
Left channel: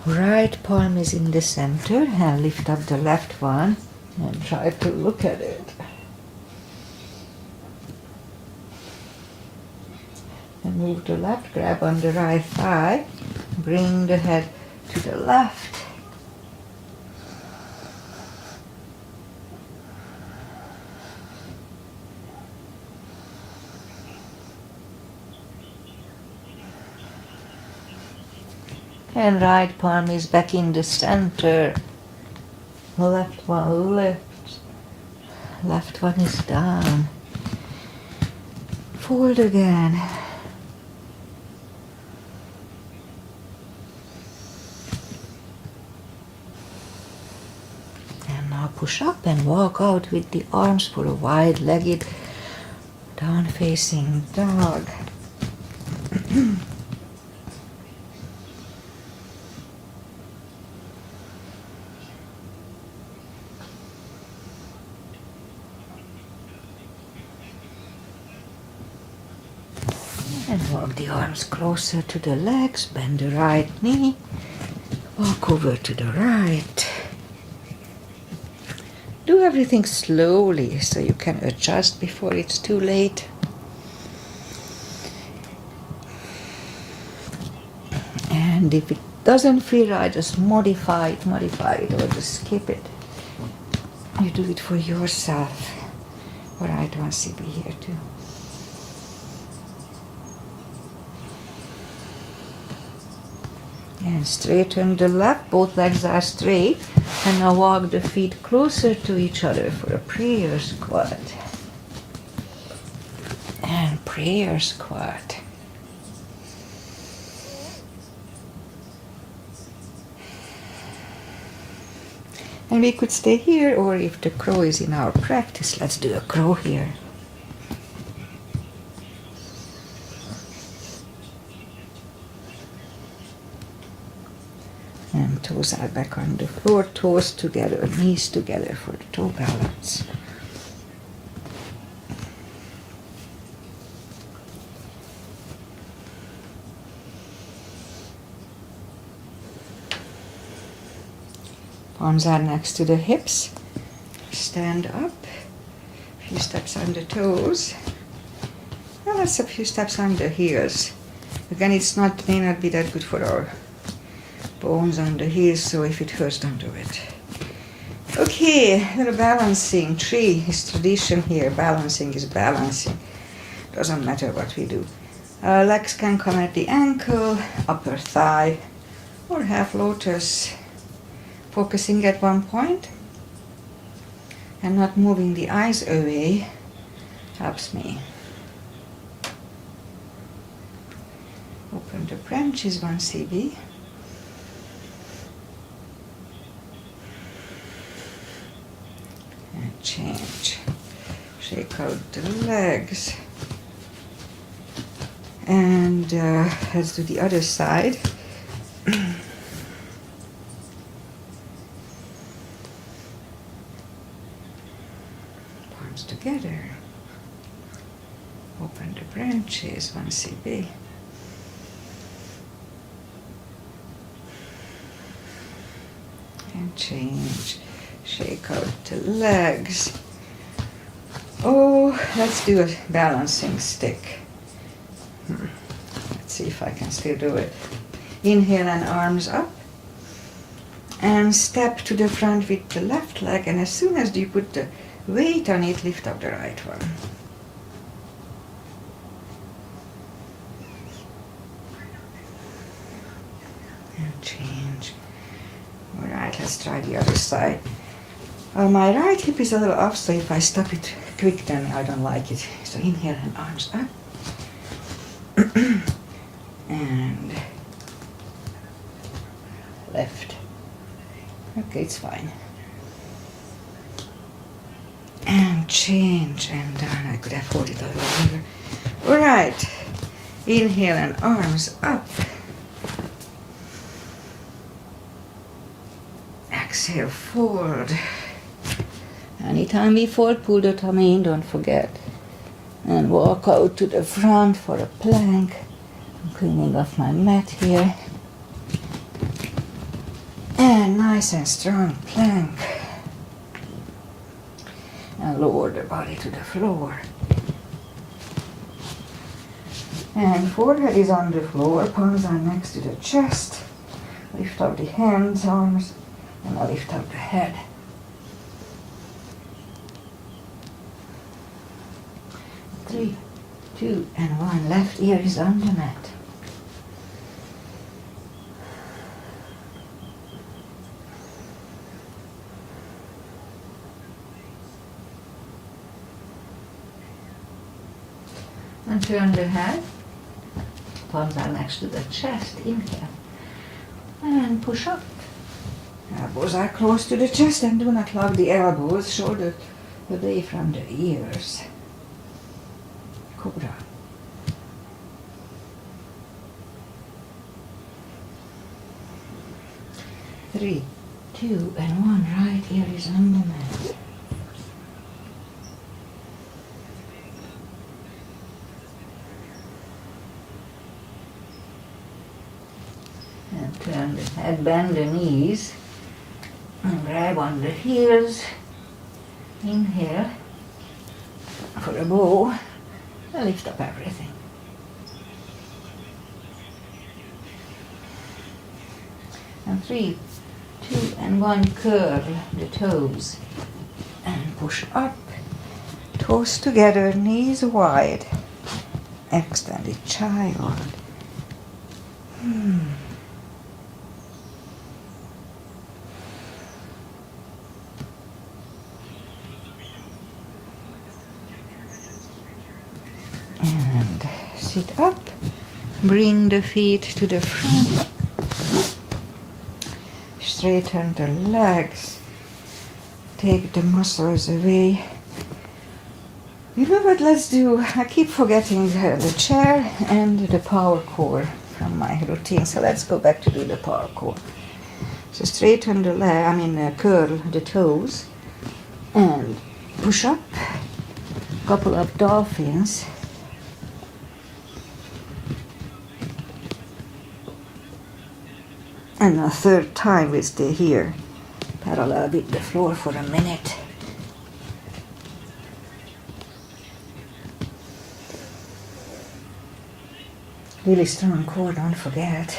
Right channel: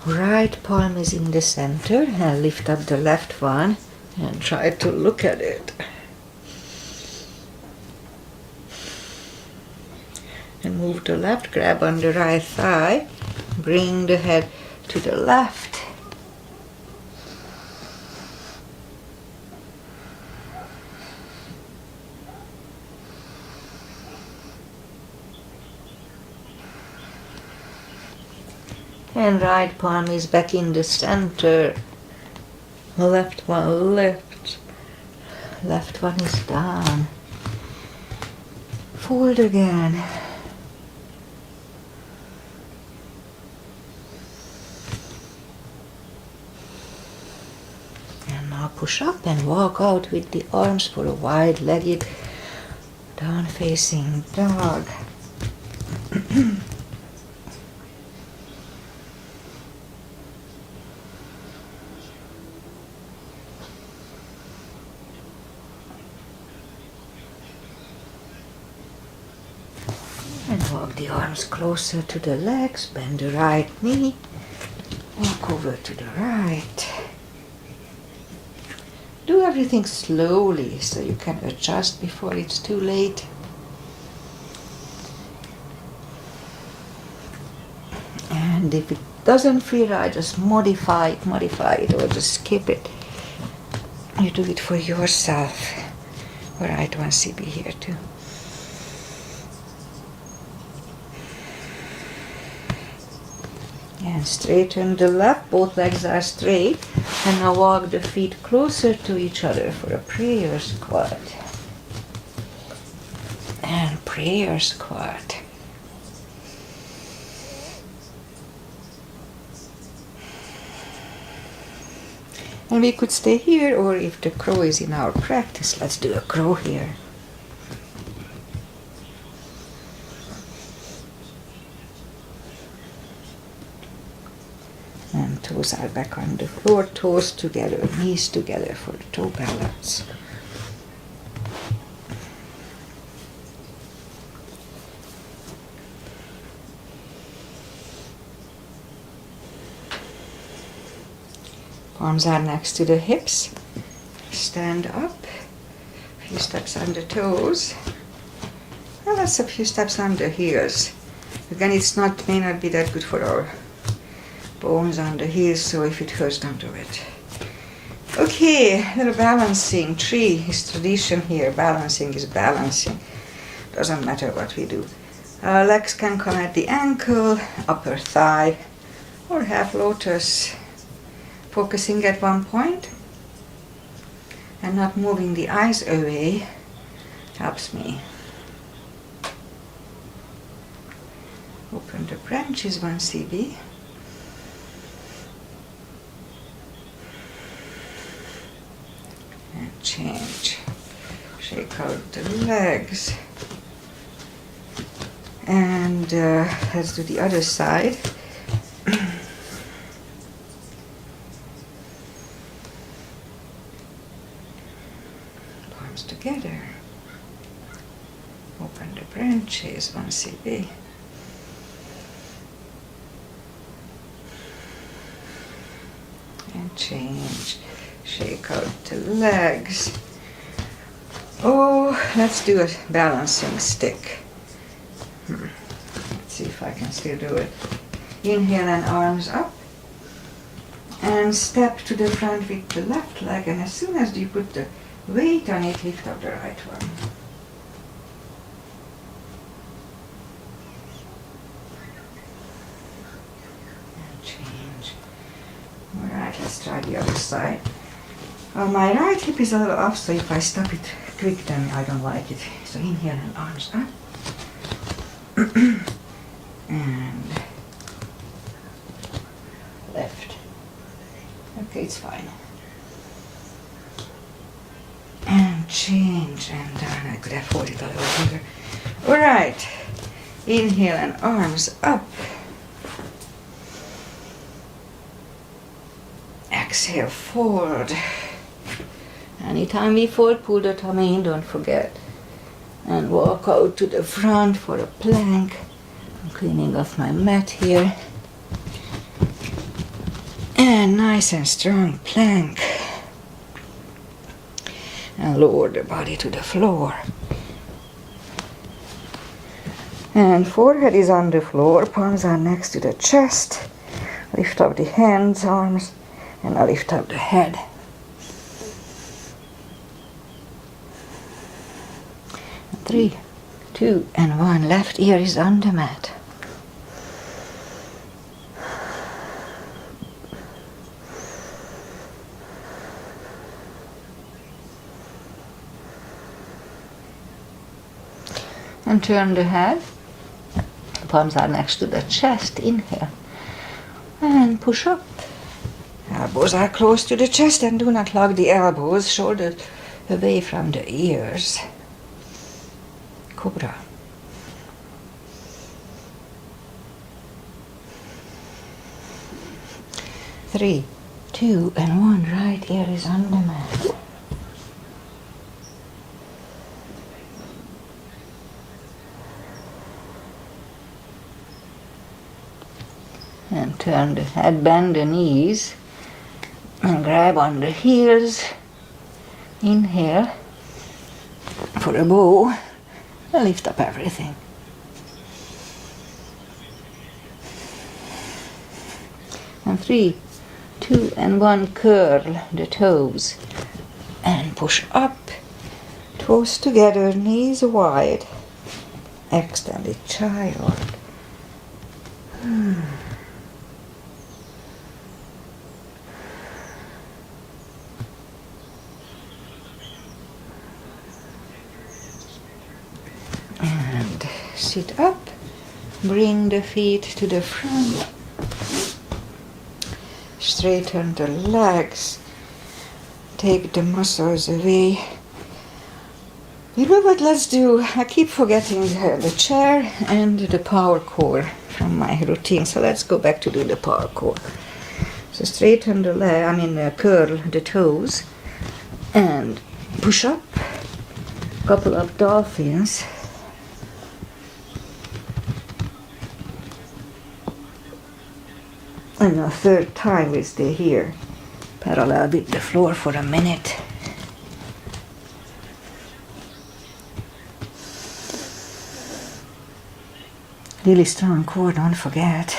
Right palm is in the center, and lift up the left one and try to look at it. And move the left, grab on the right thigh, bring the head to the left. And right palm is back in the center. Left one lifts, left one is down. Fold again. Push up and walk out with the arms for a wide-legged down-facing dog. And walk the arms closer to the legs, bend the right knee, walk over to the right. Do everything slowly so you can adjust before it's too late. And if it doesn't feel right, just modify it, or just skip it. You do it for yourself. All right, 1 CB here too. And straighten the left, both legs are straight. And now walk the feet closer to each other for a prayer squat. And prayer squat. And we could stay here, or if the crow is in our practice, let's do a crow here. And elbows are back on the floor, toes together, knees together for the toe balance. Arms are next to the hips. Stand up. A few steps on the toes. And that's a few steps on the heels. Again, may not be that good for our bones on the heels, so if it hurts, don't do it. Okay, a little balancing. 3 is tradition here. Balancing is balancing. Doesn't matter what we do. Legs can come at the ankle, upper thigh, or half lotus. Focusing at one point and not moving the eyes away helps me. Open the branches, 1 cb. And change. Shake out the legs. And let's do the other side. Palms together. Open the branches, 1 cb. And change. Shake out the legs. Oh, let's do a balancing stick. Let's see if I can still do it. Inhale and arms up. And step to the front with the left leg, and as soon as you put the weight on it, lift up the right one. And change. Alright, let's try the other side. My right hip is a little off, so if I stop it quick, then I don't like it. So inhale and arms up. And left. Okay, it's fine. And change and down. I could have held it a little longer. Alright. Inhale and arms up. Exhale, forward. Anytime we fold, pull the tummy in, don't forget. And walk out to the front for a plank. I'm cleaning off my mat here. And nice and strong plank. And lower the body to the floor. And forehead is on the floor, palms are next to the chest. Lift up the hands, arms, and I lift up the head. Three, 2, and 1. Left ear is on the mat. And turn the head. Palms are next to the chest. Inhale. And push up. Elbows are close to the chest, and do not lock the elbows. Shoulders away from the ears. Cobra. Three, 2, and 1. Right ear is on the mat. And turn the head, bend the knees, and grab on the heels. Inhale for a bow. And lift up everything. And 3, 2, and 1. Curl the toes and push up. Toes together, knees wide. Extended child. And sit up, bring the feet to the front, straighten the legs, take the muscles away. You know what, let's do, I keep forgetting the chair and the power core from my routine, so let's go back to do the power core. So straighten the leg, curl the toes and push up. Couple of dolphins. And a third time we stay here, parallel with the floor for a minute. Really strong core, don't forget.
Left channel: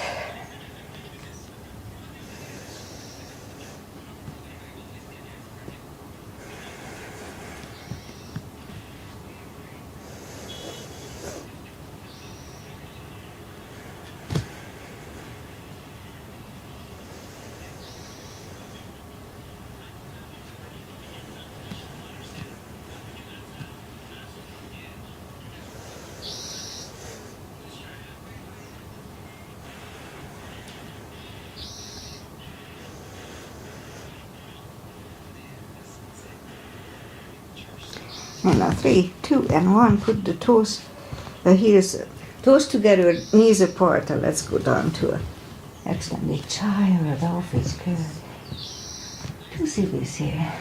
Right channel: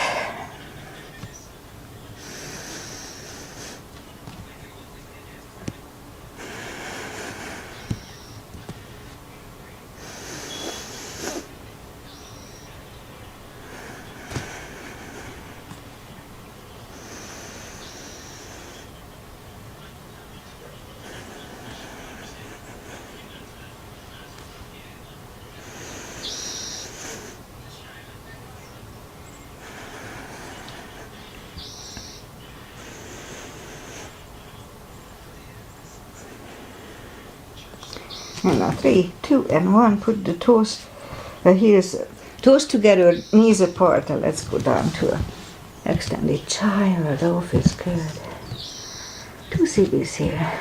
And now 3, 2, and 1. Put the toes, heels, toes together, knees apart, and let's go down to an extended child. Oh, feels good. 2 CBs here.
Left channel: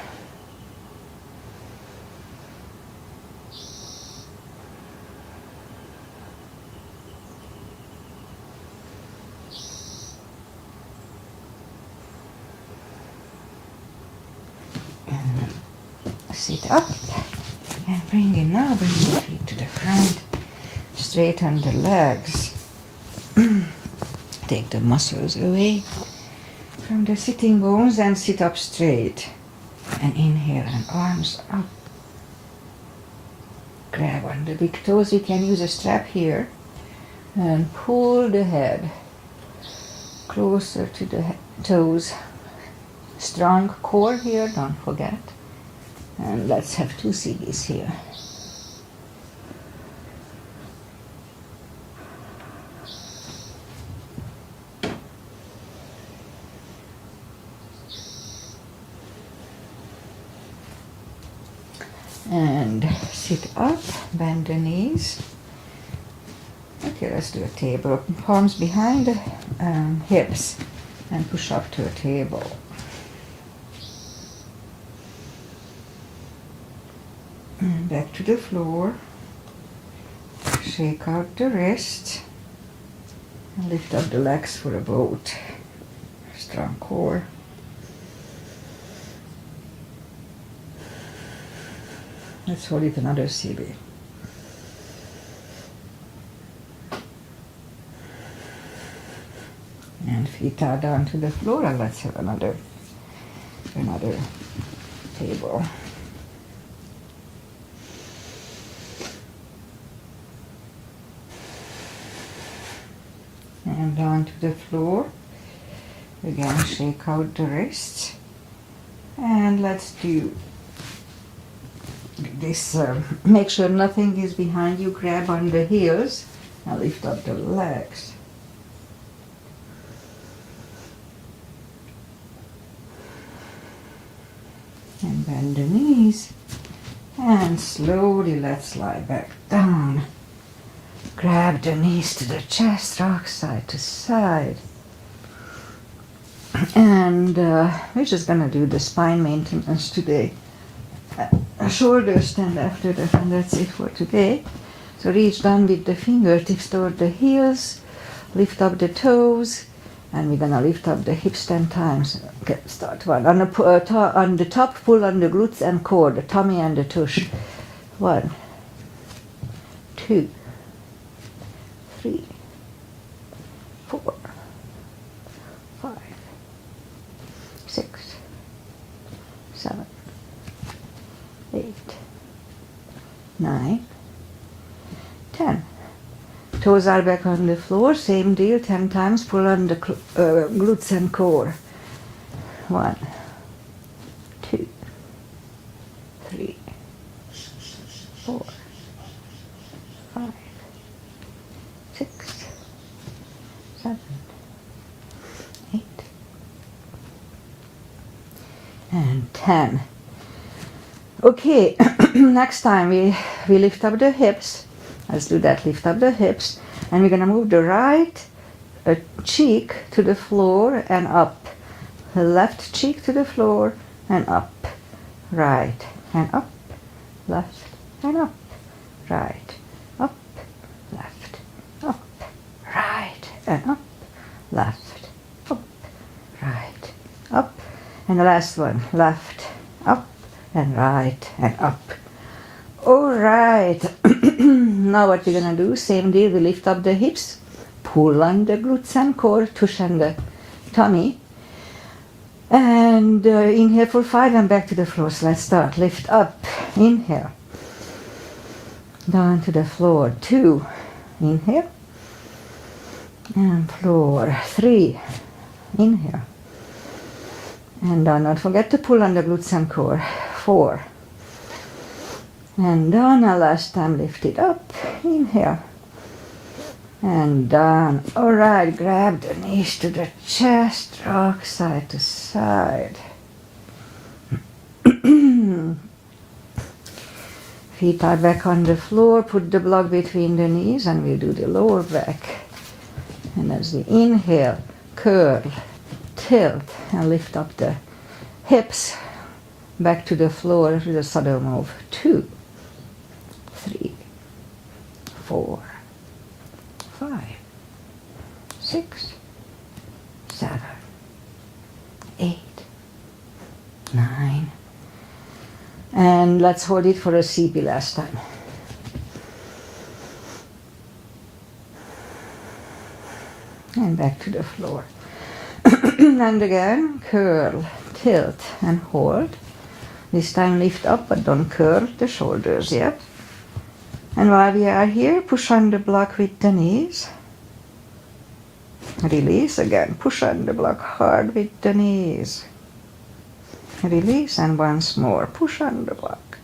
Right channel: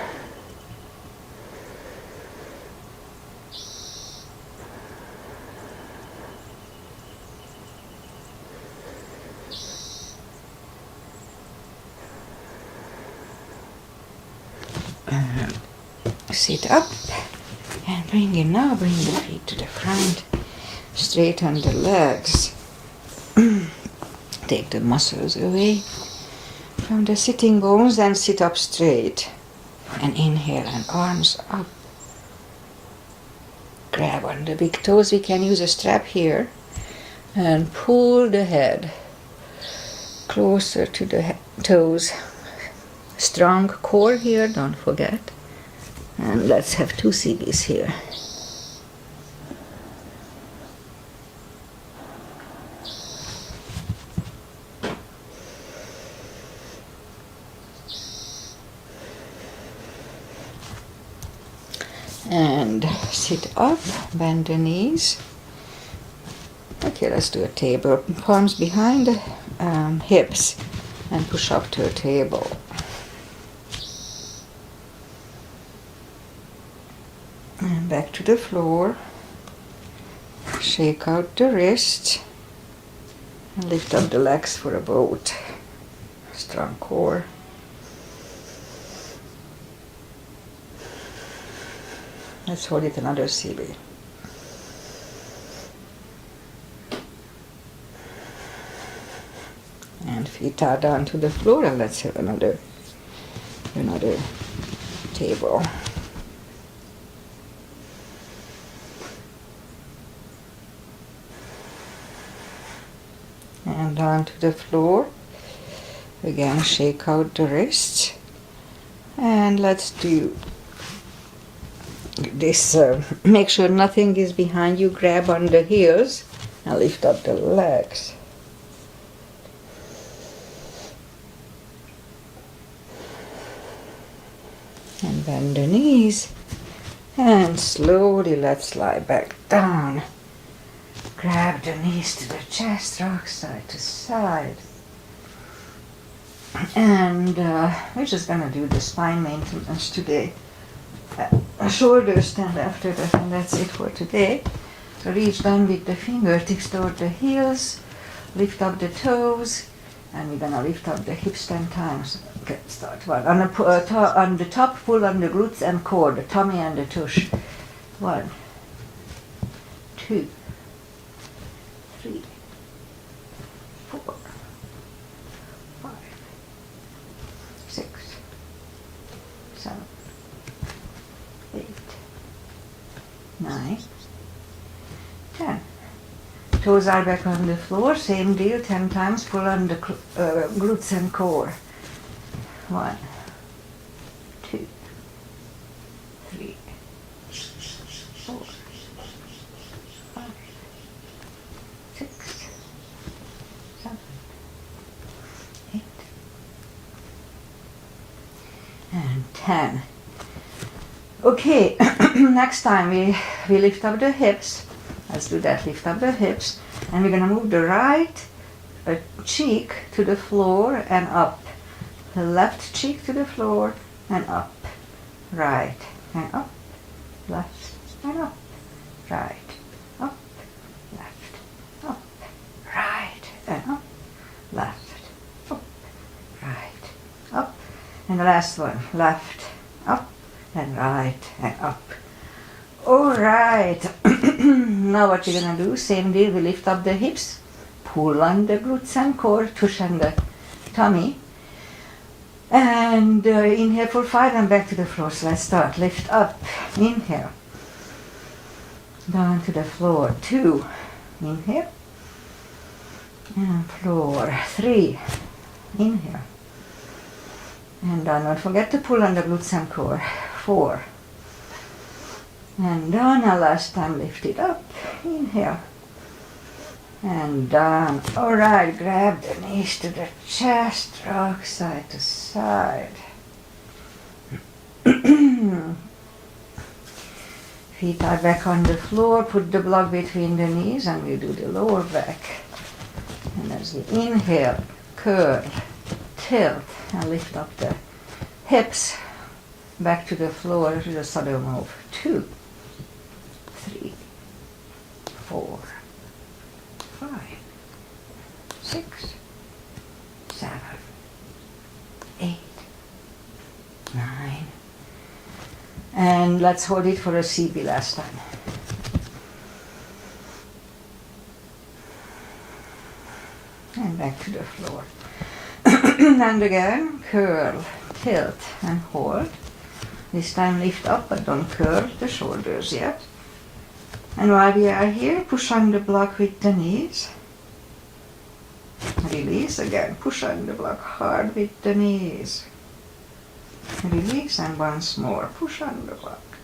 Sit up. And bring the feet to the ground. Straighten the legs. Take the muscles away from the sitting bones and sit up straight. And inhale and arms up. Grab on the big toes. We can use a strap here. And pull the head closer to the toes. Strong core here, don't forget. And let's have 2 CBs here. And sit up, bend the knees. Okay, let's do a table. Palms behind the hips and push up to a table. And back to the floor. Shake out the wrists. And lift up the legs for a boat. Strong core. Let's hold it another CB. And feet are down to the floor, and let's have another table. And down to the floor. Again, shake out the wrists. And let's do this. Make sure nothing is behind you. Grab on the heels and lift up the legs. And bend the knees. And slowly let's lie back down. Grab the knees to the chest, rock side to side. And we're just gonna do the spine maintenance today. A shoulder stand after that, and that's it for today. So reach down with the fingertips toward the heels, lift up the toes, and we're gonna lift up the hips 10 times. Okay, start 1. On the top, pull on the glutes and core, the tummy and the tush. 1, 2, 3, 4, 5, 6, 7, 8, 9, 10. Toes are back on the floor, same deal, 10 times, pull on the glutes and core. 1, 2, 3, 4, 5, 6, 7, 8, and 10. Okay, next time we lift up the hips. Let's do that, lift up the hips. And we're going to move the right cheek to the floor and up. left cheek to the floor, and up, right, and up, left, and up, right, up, left, up, right, and up, left, up, right, up, and the last one, left, up, and right, and up. All right. Now what you're gonna do, same deal, we lift up the hips, pull on the glutes and core, tush on the tummy, and inhale for 5 and back to the floor. So let's start. Lift up, inhale, down to the floor, 2, inhale, and floor, 3, inhale, and down. Not forget to pull on the glutes and core, 4, and down. And last time, lift it up, inhale, and down. All right, grab the knees to the chest, rock side to side. Feet are back on the floor, put the block between the knees, and we'll do the lower back. And as we inhale, curl, tilt, and lift up the hips, back to the floor with a saddle move. 2, 3, 4, 5, 6, 7, 8, 9, and let's hold it for a CB last time. And back to the floor. And again, curl, tilt, and hold. This time lift up, but don't curl the shoulders yet. And while we are here, push on the block with the knees. Release again, push on the block hard with the knees. Release, and once more, push on the block.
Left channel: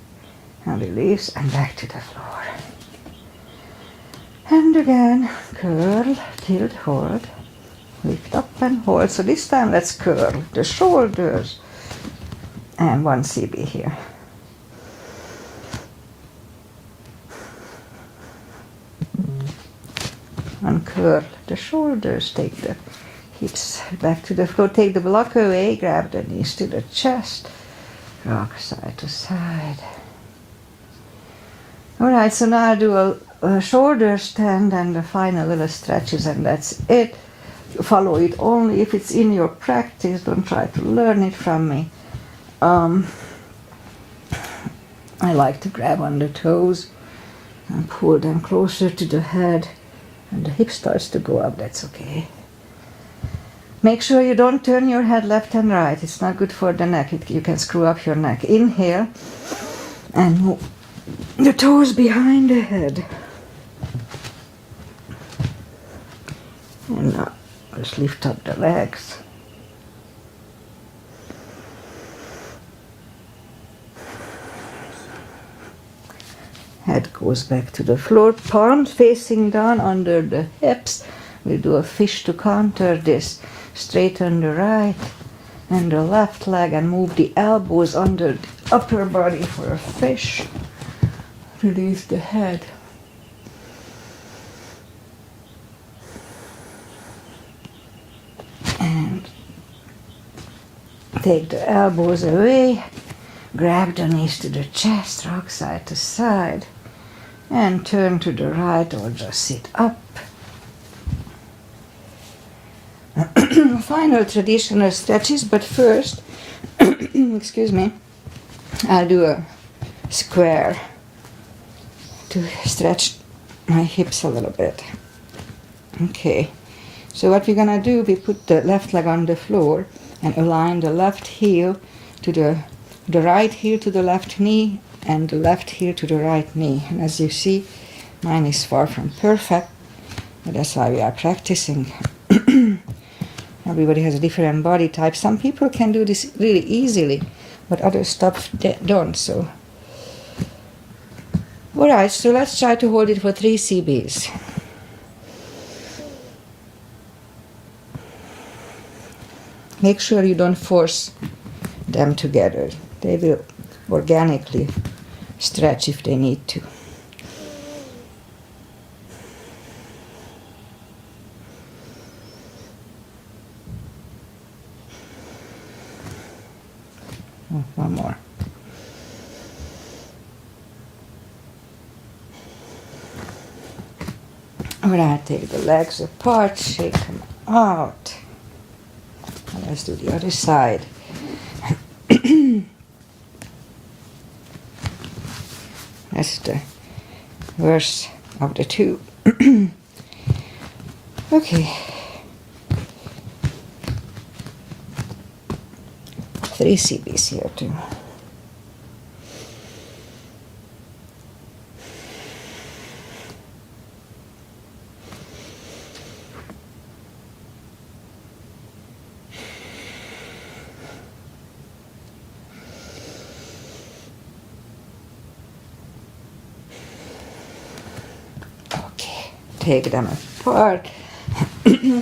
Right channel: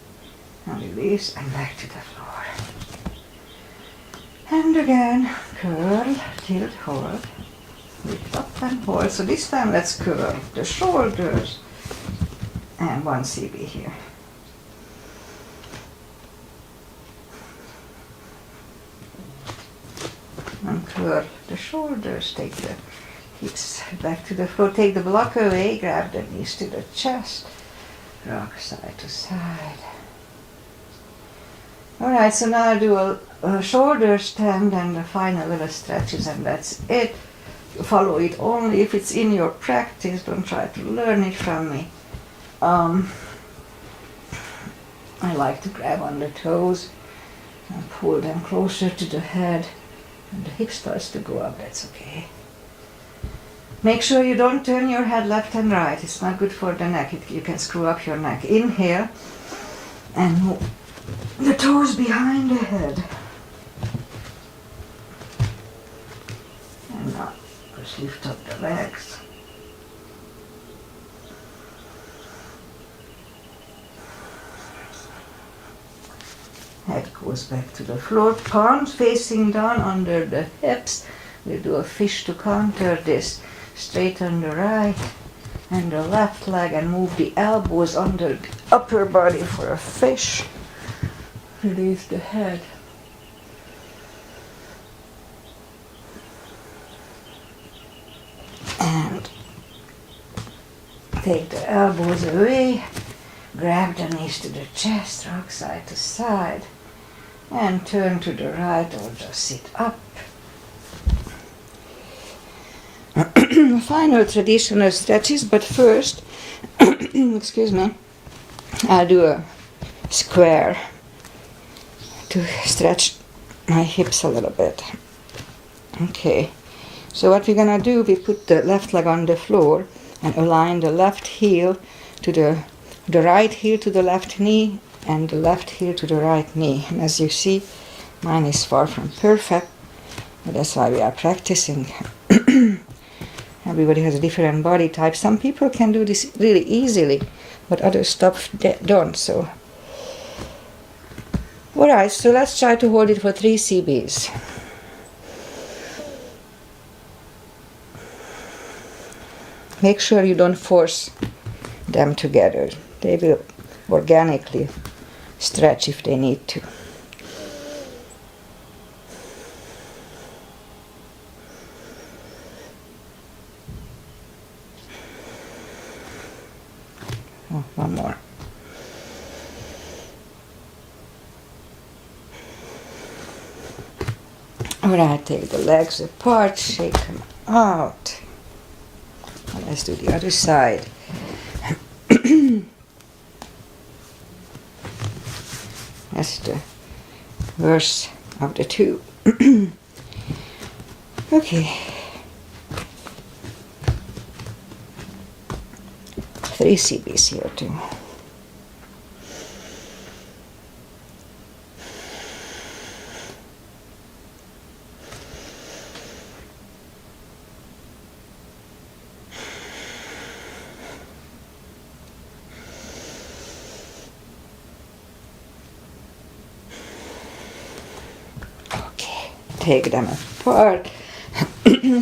And release, and back to the floor. And again, curl, tilt, hold. Lift up and hold. So this time let's curl the shoulders. And 1 CB here. Uncurl the shoulders, take the hips back to the floor, take the block away, grab the knees to the chest, rock side to side. Alright, so now I do a shoulder stand and the final little stretches, and that's it. You follow it only if it's in your practice, don't try to learn it from me. I like to grab on the toes and pull them closer to the head, and the hip starts to go up, that's okay. Make sure you don't turn your head left and right, it's not good for the neck, you can screw up your neck. Inhale and move the toes behind the head. And now just lift up the legs. Head goes back to the floor, palms facing down under the hips. We'll do a fish to counter this. Straighten the right and the left leg and move the elbows under the upper body for a fish. Release the head. And take the elbows away. Grab the knees to the chest, rock side to side. And turn to the right or just sit up. Final traditional stretches, but first, excuse me, I'll do a square to stretch my hips a little bit. Okay, so what we're gonna do, we put the left leg on the floor and align the left heel to the right heel to the left knee and the left heel to the right knee. And as you see, mine is far from perfect, but that's why we are practicing. Everybody has a different body type. Some people can do this really easily, but others don't. So, all right. So let's try to hold it for 3 CBs. Make sure you don't force them together. They will organically stretch if they need to. Oh, one more. Alright, take the legs apart, shake them out. And let's do the other side. That's the worst of the two. Okay. 3 CBs here too. Okay, take them apart.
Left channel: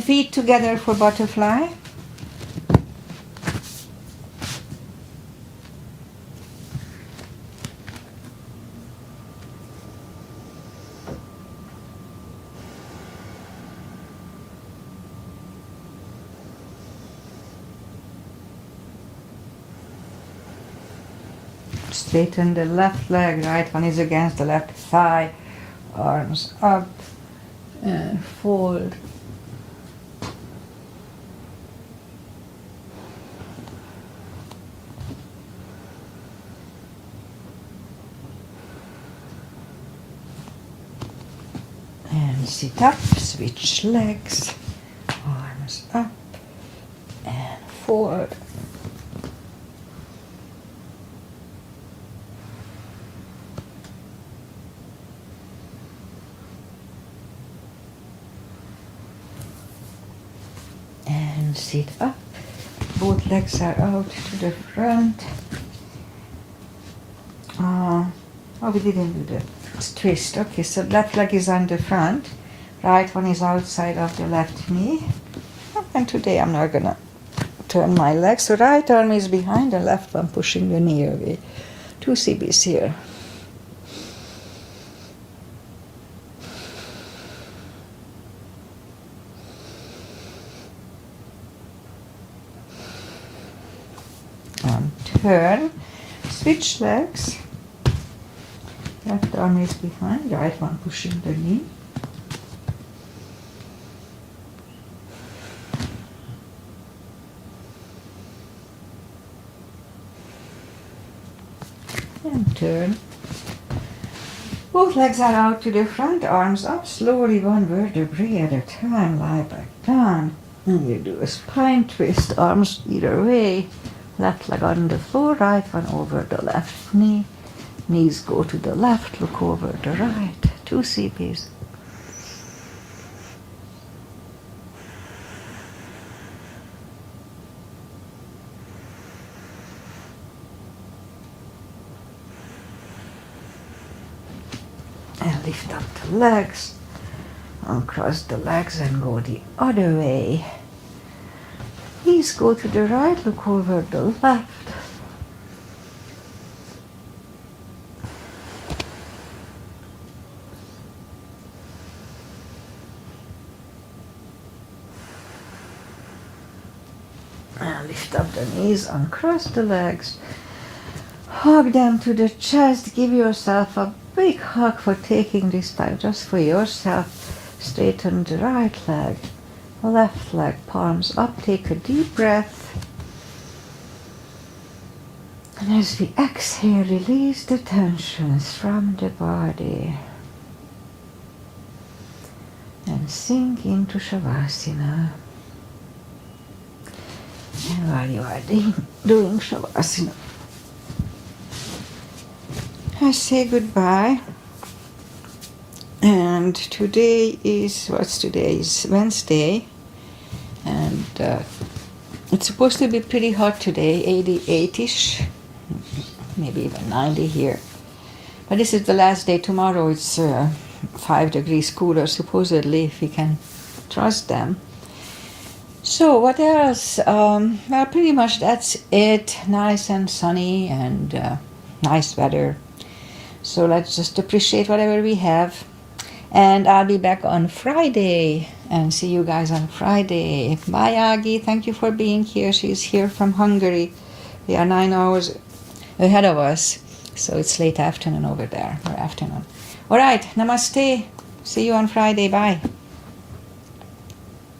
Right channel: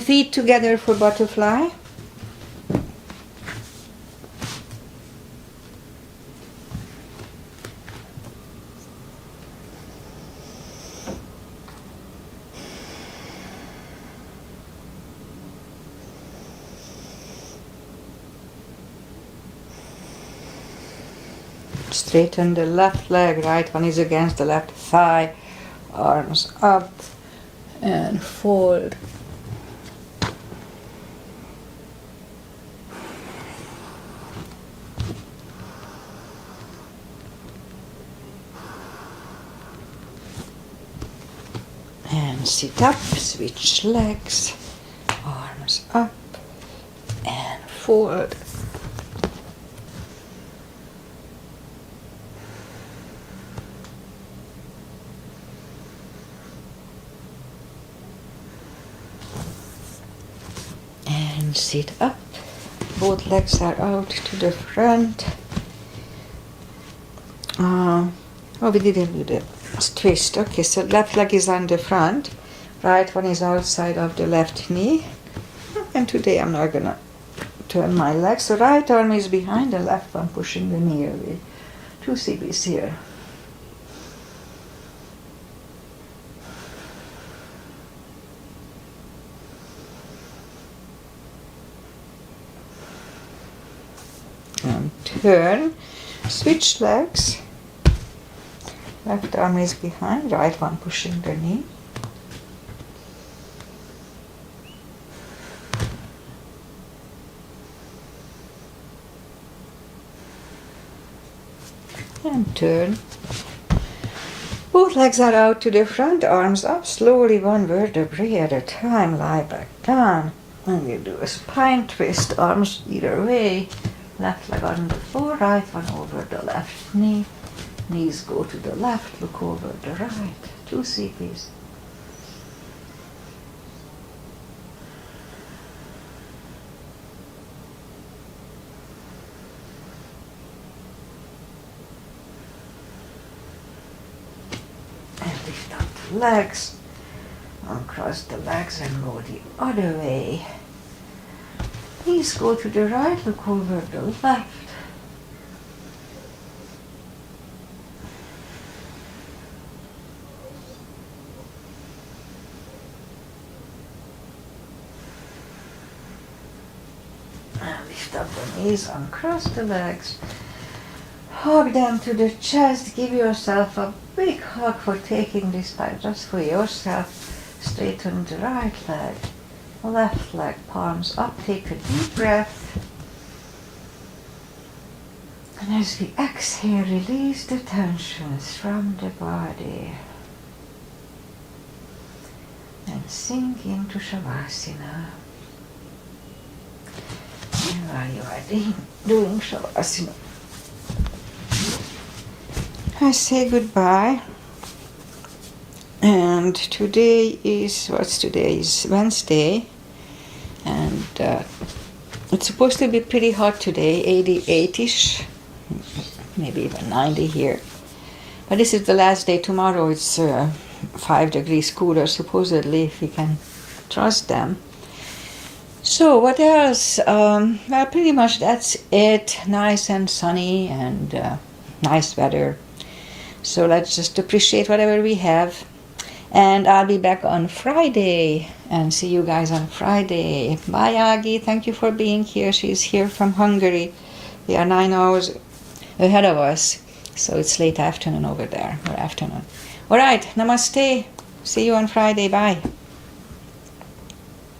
Feet together for butterfly. Straighten the left leg, right one is against the left thigh, arms up and fold. And sit up, switch legs, arms up and forward. And sit up, both legs are out to the front. Oh, we didn't do the twist. Okay, so left leg is on the front, right one is outside of the left knee. And today I'm not gonna turn my leg. So right arm is behind the left one, pushing the knee away. 2 CBs here. And turn, switch legs. Left arm is behind, right one pushing the knee. And turn. Both legs are out to the front, arms up, slowly one vertebrae at a time, lie back down. And you do a spine twist, arms either way. Left leg on the floor, right one over the left knee. Knees go to the left, look over the right. 2 CBs. And lift up the legs, uncross the legs and go the other way. Knees go to the right, look over the left. And lift up the knees, uncross the legs, hug them to the chest, give yourself a big hug for taking this time just for yourself. Straighten the right leg, left leg, palms up, take a deep breath. And as we exhale, release the tensions from the body. And sink into Savasana. And while you are doing Savasana, I say goodbye. And today is, what's today? Is Wednesday. And it's supposed to be pretty hot today, 88-ish, maybe even 90 here. But this is the last day. Tomorrow it's 5 degrees cooler, supposedly, if we can trust them. So what else? Well, pretty much that's it. Nice and sunny and nice weather. So let's just appreciate whatever we have. And I'll be back on Friday and see you guys on Friday. Bye, Agi. Thank you for being here. She's here from Hungary. They are 9 hours ahead of us, so it's late afternoon over there, or afternoon. All right, namaste. See you on Friday. Bye.